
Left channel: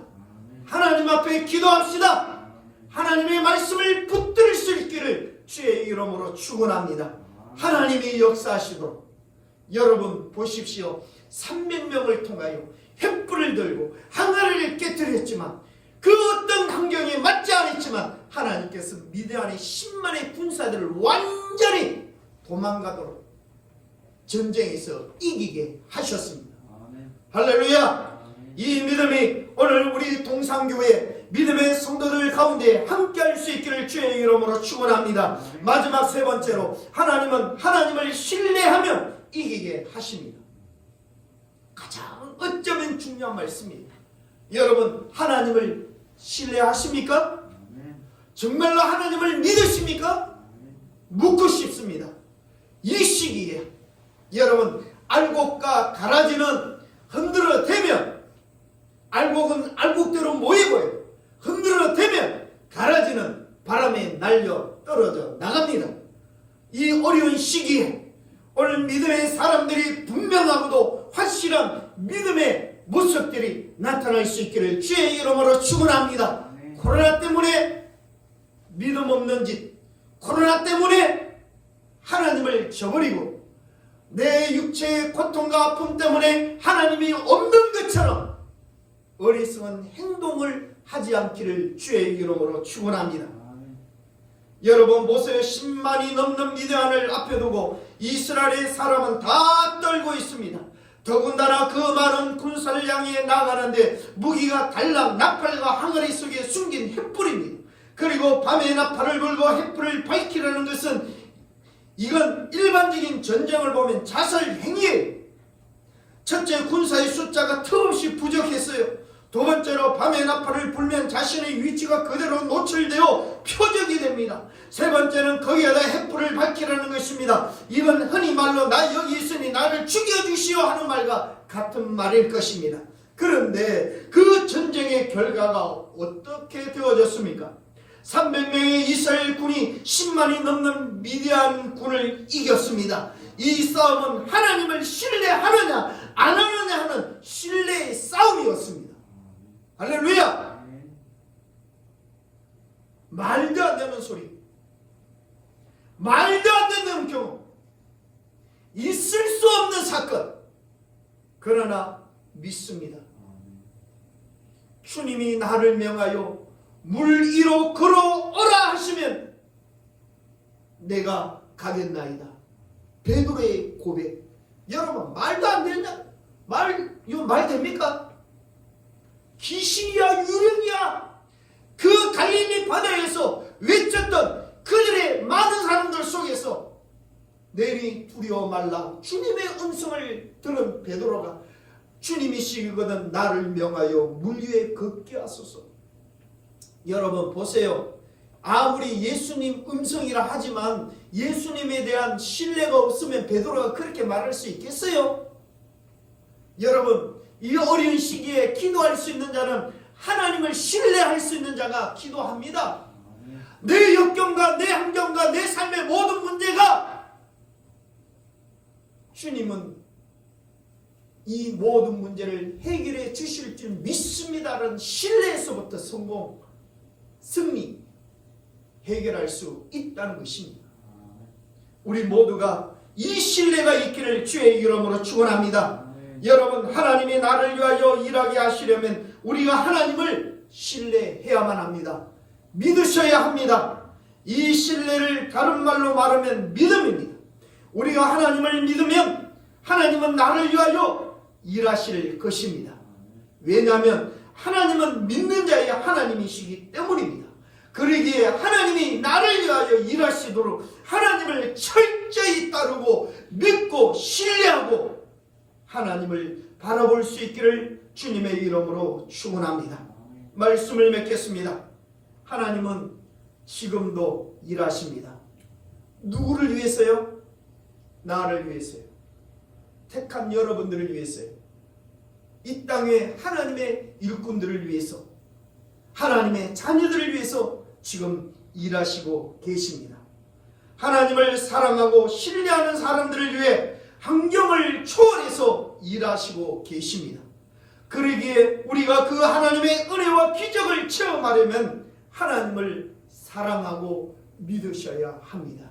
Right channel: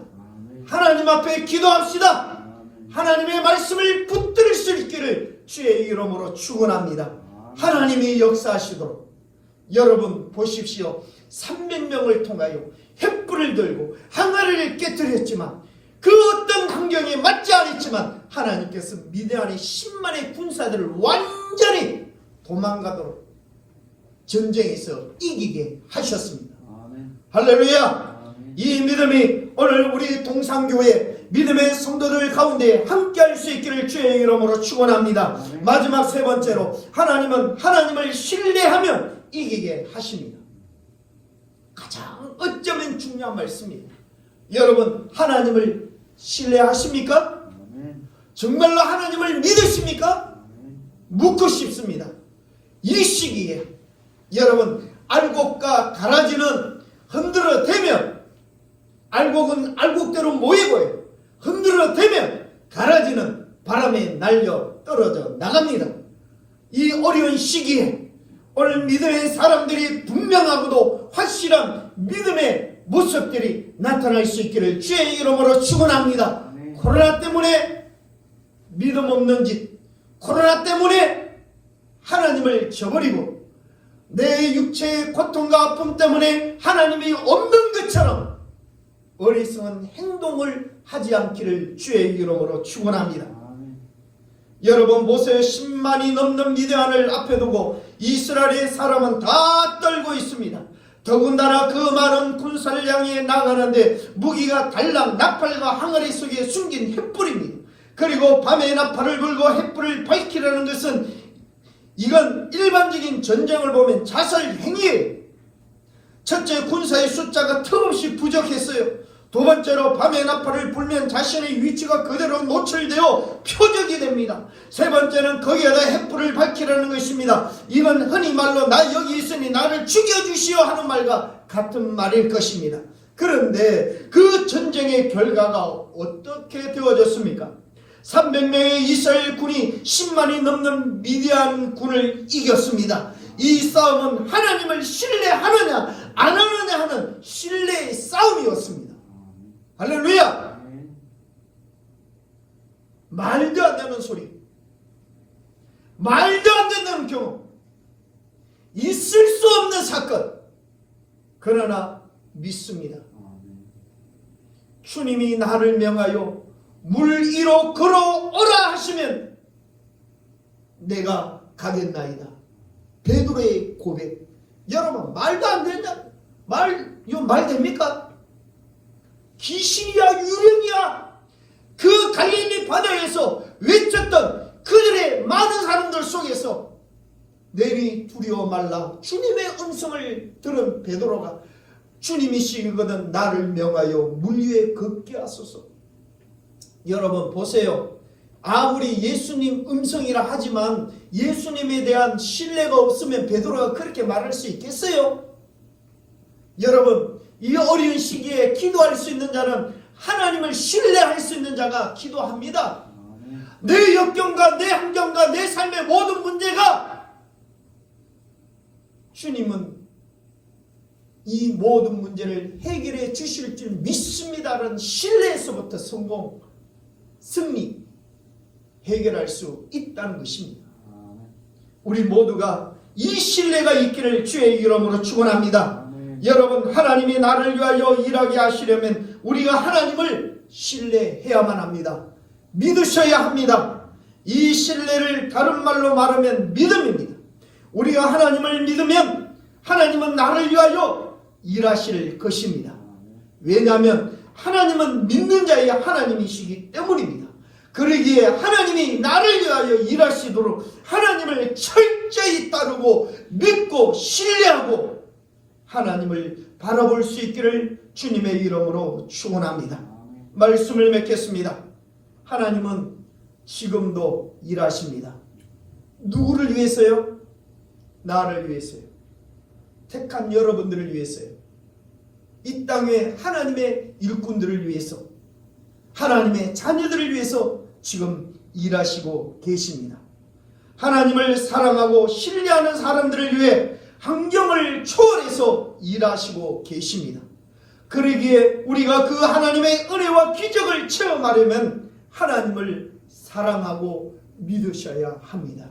하나님 앞에 기도합시다. 하나님의 말씀을 붙들 수 있기를 주의 이름으로 축원합니다. 하나님이 역사하시도록. 여러분 보십시오. 300명을 통하여 횃불을 들고 항아리를 깨뜨렸지만 그 어떤 환경에 맞지 않았지만 하나님께서 미디안의 10만의 군사들을 완전히 도망가도록 전쟁에서 이기게 하셨습니다. 할렐루야. 이 믿음이 오늘 우리 동산교회 믿음의 성도들 가운데 함께할 수 있기를 주의 이름으로 축원합니다. 마지막 세 번째로, 하나님은 하나님을 신뢰하면 이기게 하십니다. 가장 어쩌면 중요한 말씀입니다. 여러분, 하나님을 신뢰하십니까? 정말로 하나님을 믿으십니까? 묻고 싶습니다. 이 시기에 여러분, 알곡과 가라지는 흔들어대면 알곡은 알곡대로 모이고요, 흔들어대면 가라지는 바람에 날려 떨어져 나갑니다. 이 어려운 시기에 오늘 믿음의 사람들이 분명하고도 확실한 믿음의 모습들이 나타날 수 있기를 주의 이름으로 축원합니다. 코로나 때문에 믿음 없는 짓, 코로나 때문에 하나님을 저버리고 내 육체의 고통과 아픔 때문에 하나님이 없는 것처럼 어리석은 행동을 하지 않기를 주의 이름으로 축원합니다. 여러분 보세요. 10만이 넘는 미디안을 앞에 두고 이스라엘의 사람은 다 떨고 있습니다. 더군다나 그 많은 군사를 향해 나가는데 무기가 달랑 나팔과 항아리 속에 숨긴 횃불입니다. 그리고 밤에 나팔을 불고 횃불을 밝히려는 것은 이건 일반적인 전쟁을 보면 자살 행위예요. 첫째, 군사의 숫자가 턱없이 부족했어요. 두 번째로 밤에 나팔을 불면 자신의 위치가 그대로 노출되어 표적이 됩니다. 세 번째는 거기에다 횃불을 밝히라는 것입니다. 이건 흔히 말로 나 여기 있으니 나를 죽여주시오 하는 말과 같은 말일 것입니다. 그런데 그 전쟁의 결과가 어떻게 되어졌습니까? 300명의 이스라엘 군이 10만이 넘는 미디안 군을 이겼습니다. 이 싸움은 하나님을 신뢰하느냐 안 하느냐 하는 신뢰의 싸움이었습니다. 할렐루야. 말도 안 되는 소리, 말도 안 되는 경험, 있을 수 없는 사건. 그러나 믿습니다. 주님이 나를 명하여 물 위로 걸어오라 하시면 내가 가겠나이다. 베드로의 고백. 여러분, 말도 안 되냐? 이거 말 됩니까? 귀신이야, 유령이야. 그 갈릴리 바다에서 외쳤던 그들의 많은 사람들 속에서 내리 두려워 말라. 주님의 음성을 들은 베드로가 주님이시거든 나를 명하여 물 위에 걷게 하소서. 여러분 보세요. 아무리 예수님 음성이라 하지만 예수님에 대한 신뢰가 없으면 베드로가 그렇게 말할 수 있겠어요? 여러분, 이 어려운 시기에 기도할 수 있는 자는 하나님을 신뢰할 수 있는 자가 기도합니다. 내 역경과 내 환경과 내 삶의 모든 문제가 주님은 이 모든 문제를 해결해 주실 줄 믿습니다라는 신뢰에서부터 성공, 승리, 해결할 수 있다는 것입니다. 우리 모두가 이 신뢰가 있기를 주의 이름으로 축원합니다. 여러분, 하나님이 나를 위하여 일하게 하시려면 우리가 하나님을 신뢰해야만 합니다. 믿으셔야 합니다. 이 신뢰를 다른 말로 말하면 믿음입니다. 우리가 하나님을 믿으면 하나님은 나를 위하여 일하실 것입니다. 왜냐하면 하나님은 믿는 자의 하나님이시기 때문입니다. 그러기에 하나님이 나를 위하여 일하시도록 하나님을 철저히 따르고 믿고 신뢰하고 하나님을 바라볼 수 있기를 주님의 이름으로 축원합니다. 말씀을 맺겠습니다. 하나님은 지금도 일하십니다. 누구를 위해서요? 나를 위해서요. 택한 여러분들을 위해서요. 이 땅에 하나님의 일꾼들을 위해서, 하나님의 자녀들을 위해서 지금 일하시고 계십니다. 하나님을 사랑하고 신뢰하는 사람들을 위해 환경을 초월해서 일하시고 계십니다. 그러기에 우리가 그 하나님의 은혜와 기적을 체험하려면 하나님을 사랑하고 믿으셔야 합니다.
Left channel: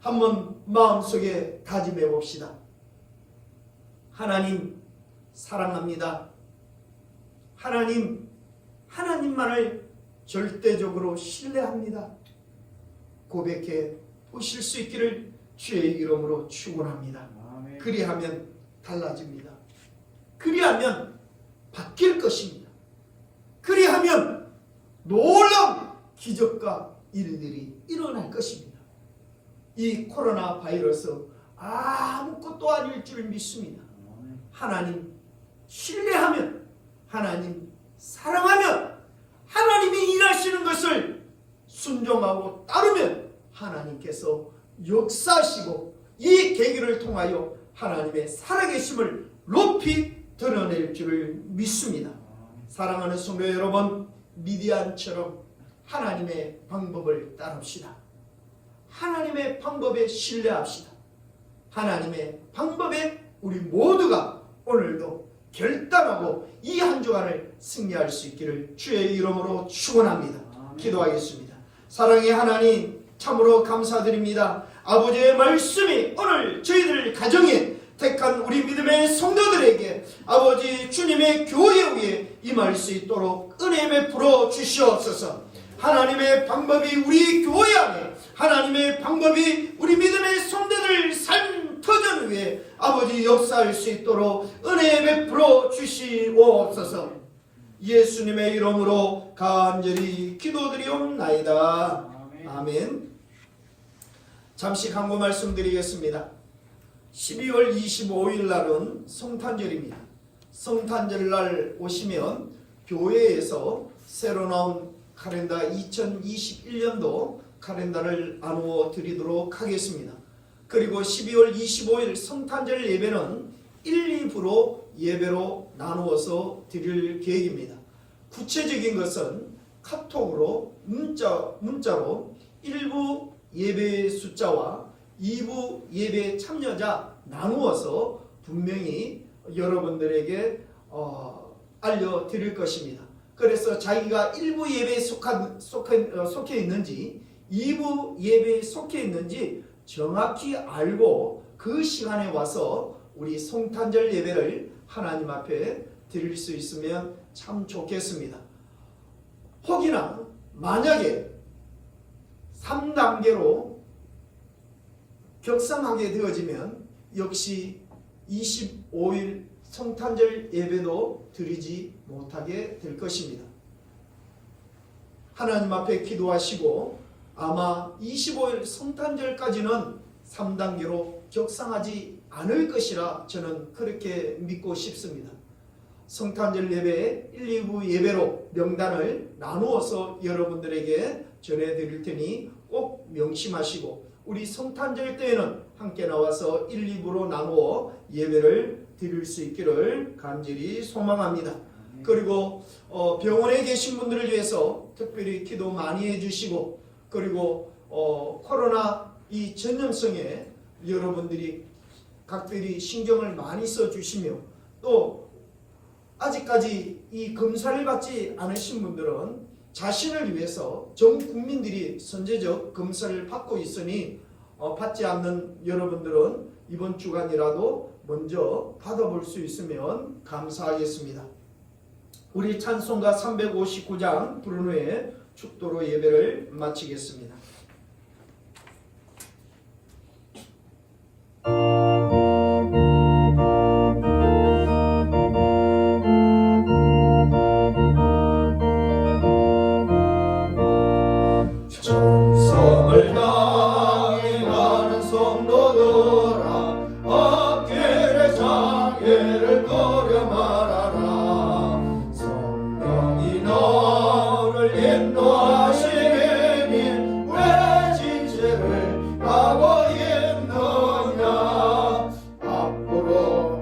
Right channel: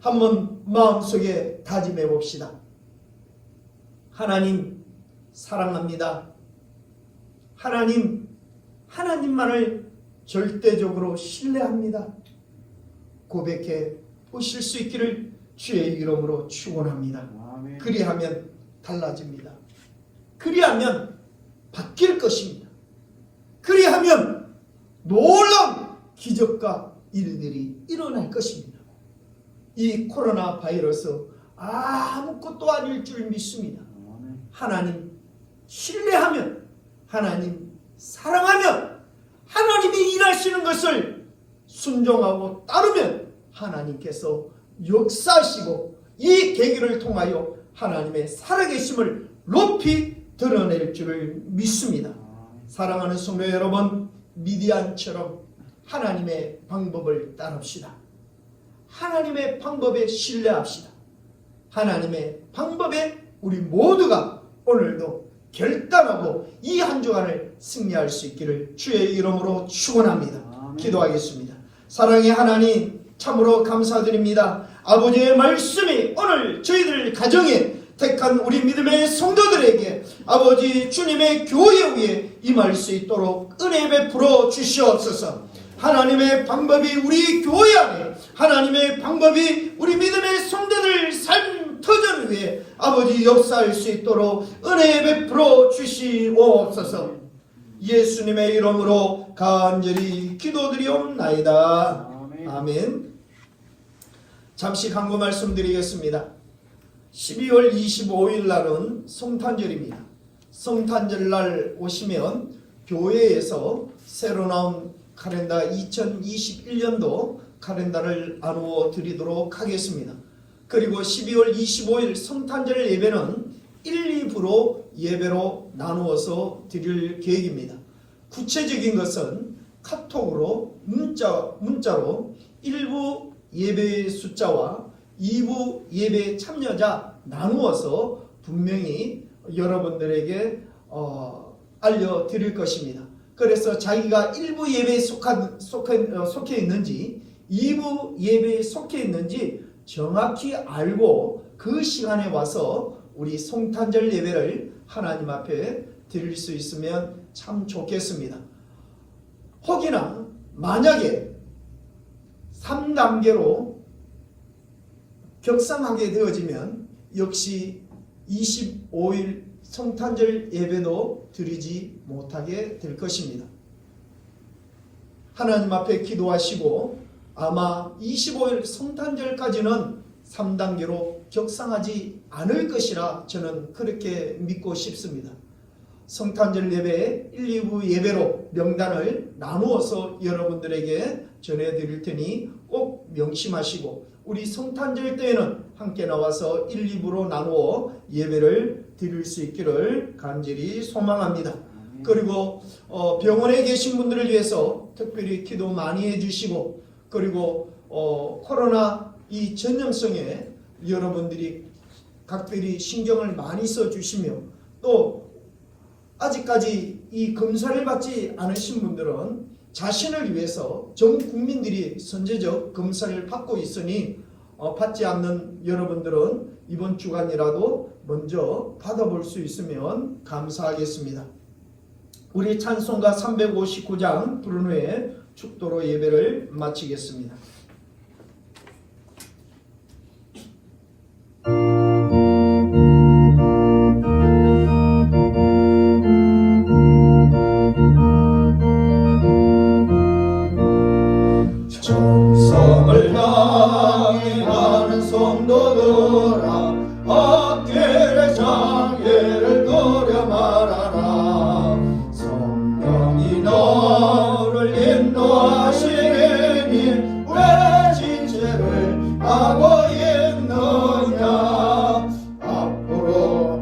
한번 마음속에 다짐해 봅시다. 하나님 사랑합니다. 하나님만을 절대적으로 신뢰합니다. 고백해 보실 수 있기를 주의 이름으로 축원합니다. 그리하면 달라집니다. 그리하면 바뀔 것입니다. 그리하면 놀라운 기적과 일들이 일어날 것입니다. 이 코로나 바이러스 아무것도 아닐 줄 믿습니다. 하나님 신뢰하면, 하나님 사랑하면, 하나님이 일하시는 것을 순종하고 따르면 하나님께서 역사하시고 이 계기를 통하여 하나님의 살아계심을 높이 드러낼 줄을 믿습니다. 사랑하는 성도 여러분, 미디안처럼 하나님의 방법을 따릅시다. 하나님의 방법에 신뢰합시다. 하나님의 방법에 우리 모두가 오늘도 결단하고 이 한 주간을 승리할 수 있기를 주의 이름으로 축원합니다. 기도하겠습니다. 사랑의 하나님, 참으로 감사드립니다. 아버지의 말씀이 오늘 저희들 가정에 택한 우리 믿음의 성도들에게 아버지 주님의 교회 위에 임할 수 있도록 은혜 베풀어 주시옵소서. 하나님의 방법이 우리 교회 안에, 하나님의 방법이 우리 믿음의 성도들 삶 터전 위에 아버지 역사할 수 있도록 은혜 베풀어 주시옵소서. 예수님의 이름으로 간절히 기도드리옵나이다. 아멘. 잠시 간구 말씀드리겠습니다. 12월 25일 날은 성탄절입니다. 성탄절 날 오시면 교회에서 새로 나온 카렌다 2021년도 카렌다를 나누어 드리도록 하겠습니다. 그리고 12월 25일 성탄절 예배는 1, 2부로 예배로 나누어서 드릴 계획입니다. 구체적인 것은 카톡으로 문자로 1부 예배 숫자와 2부 예배 참여자 나누어서 분명히 여러분들에게 알려드릴 것입니다. 그래서 자기가 1부 예배에 속해 있는지 2부 예배에 속해 있는지 정확히 알고 그 시간에 와서 우리 성탄절 예배를 하나님 앞에 드릴 수 있으면 참 좋겠습니다. 혹이나 만약에 3단계로 격상하게 되어지면 역시 25일 성탄절 예배도 드리지 못하게 될 것입니다. 하나님 앞에 기도하시고 아마 25일 성탄절까지는 3단계로 격상하지 않을 것이라 저는 그렇게 믿고 싶습니다. 성탄절 예배 1, 2부 예배로 명단을 나누어서 여러분들에게 전해드릴 테니 꼭 명심하시고 우리 성탄절 때에는 함께 나와서 1, 2부로 나누어 예배를 드릴 수 있기를 간절히 소망합니다. 그리고 병원에 계신 분들을 위해서 특별히 기도 많이 해주시고 그리고 코로나 이 전염성에 여러분들이 각별히 신경을 많이 써주시며 또 아직까지 이 검사를 받지 않으신 분들은 자신을 위해서 전 국민들이 선제적 검사를 받고 있으니 받지 않는 여러분들은 이번 주간이라도 먼저 받아볼 수 있으면 감사하겠습니다. 우리 찬송가 359장 부른 후에 축도로 예배를 마치겠습니다. 정성을 향해 가는 성도들아 악계의 장애를 거려 말아라. 성령이 너를 인도하시니 왜 진죄를 하고 있느냐. 앞으로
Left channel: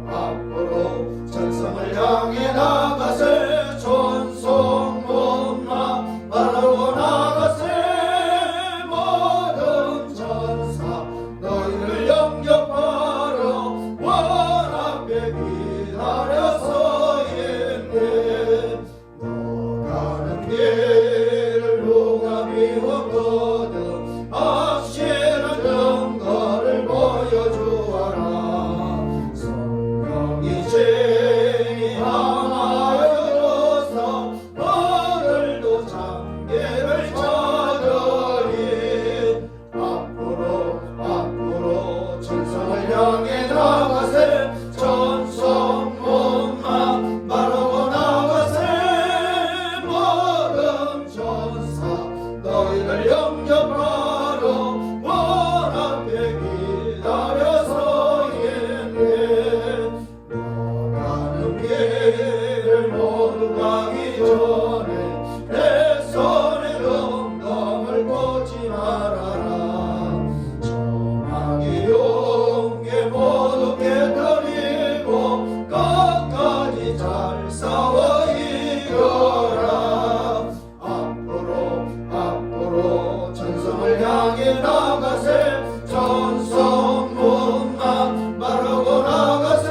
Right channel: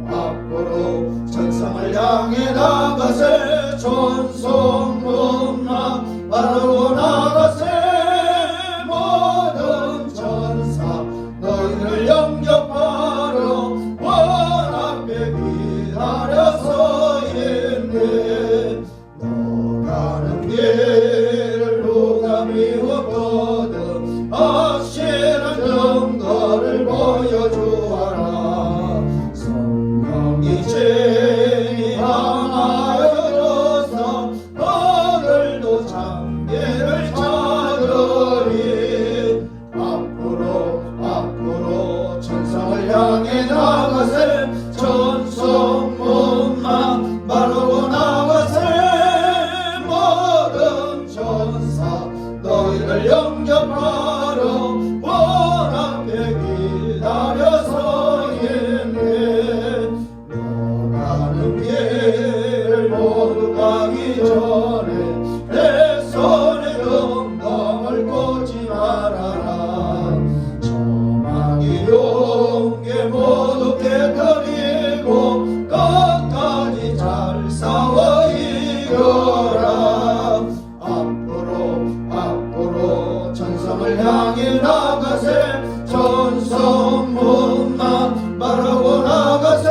천성을 향해 나가세. 전성 못나 바로 나가세. 모든 천사 너희를 영접하러 원 앞에 기다려서 있네. 너 가는 길을 누가 미웠거든 확실한 증거를 보여주어라. 성령이 죄인이 하나여 들어서 오늘도 장계를 찾으리. 앞으로 천성을 향해 나가세. 천성 못만 바라고 나가세. 모든 천사 너희를 영접하러 원 앞에 기다려서 있네. 너 가는 길 모두 가기 전에 내 손에 영광을 꽂지 말아라. 저망이 용기 모두 깨뜨리고 끝까지 잘 싸워 이겨라. 앞으로 천성을 향해 나가세. 천성 못만 바라고 나가세.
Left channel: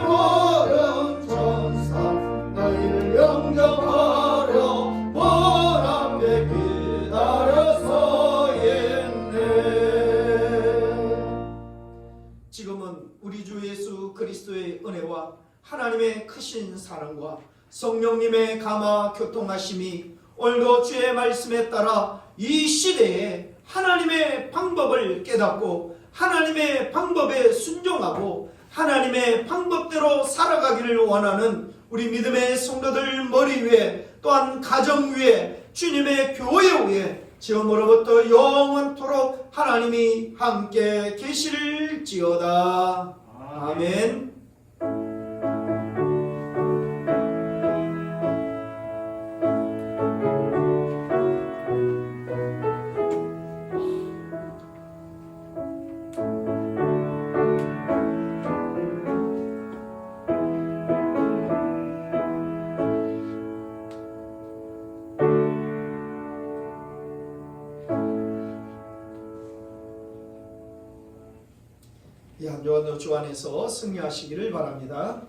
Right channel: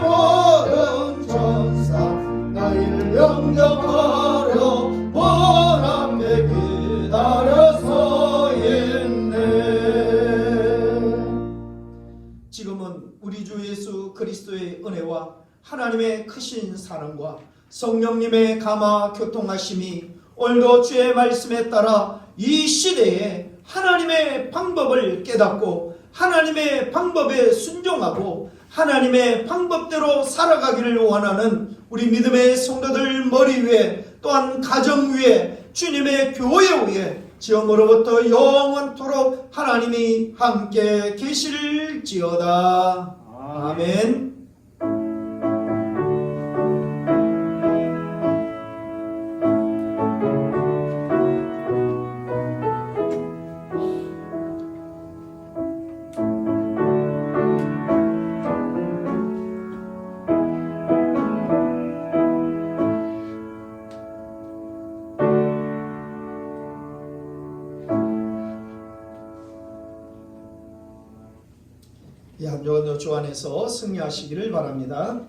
모든 천사 너희를 영접하려 원 앞에 기다려서 있네. 지금은 우리 주 예수 그리스도의 은혜와 하나님의 크신 사랑과 성령님의 감화 교통하심이 오늘도 주의 말씀에 따라 이 시대에 하나님의 방법을 깨닫고 하나님의 방법에 순종하고 하나님의 방법대로 살아가기를 원하는 우리 믿음의 성도들 머리 위에 또한 가정 위에 주님의 교회 위에 지금으로부터 영원토록 하나님이 함께 계실지어다. 아멘. 이 한 주간도 주 안에서 승리하시기를 바랍니다.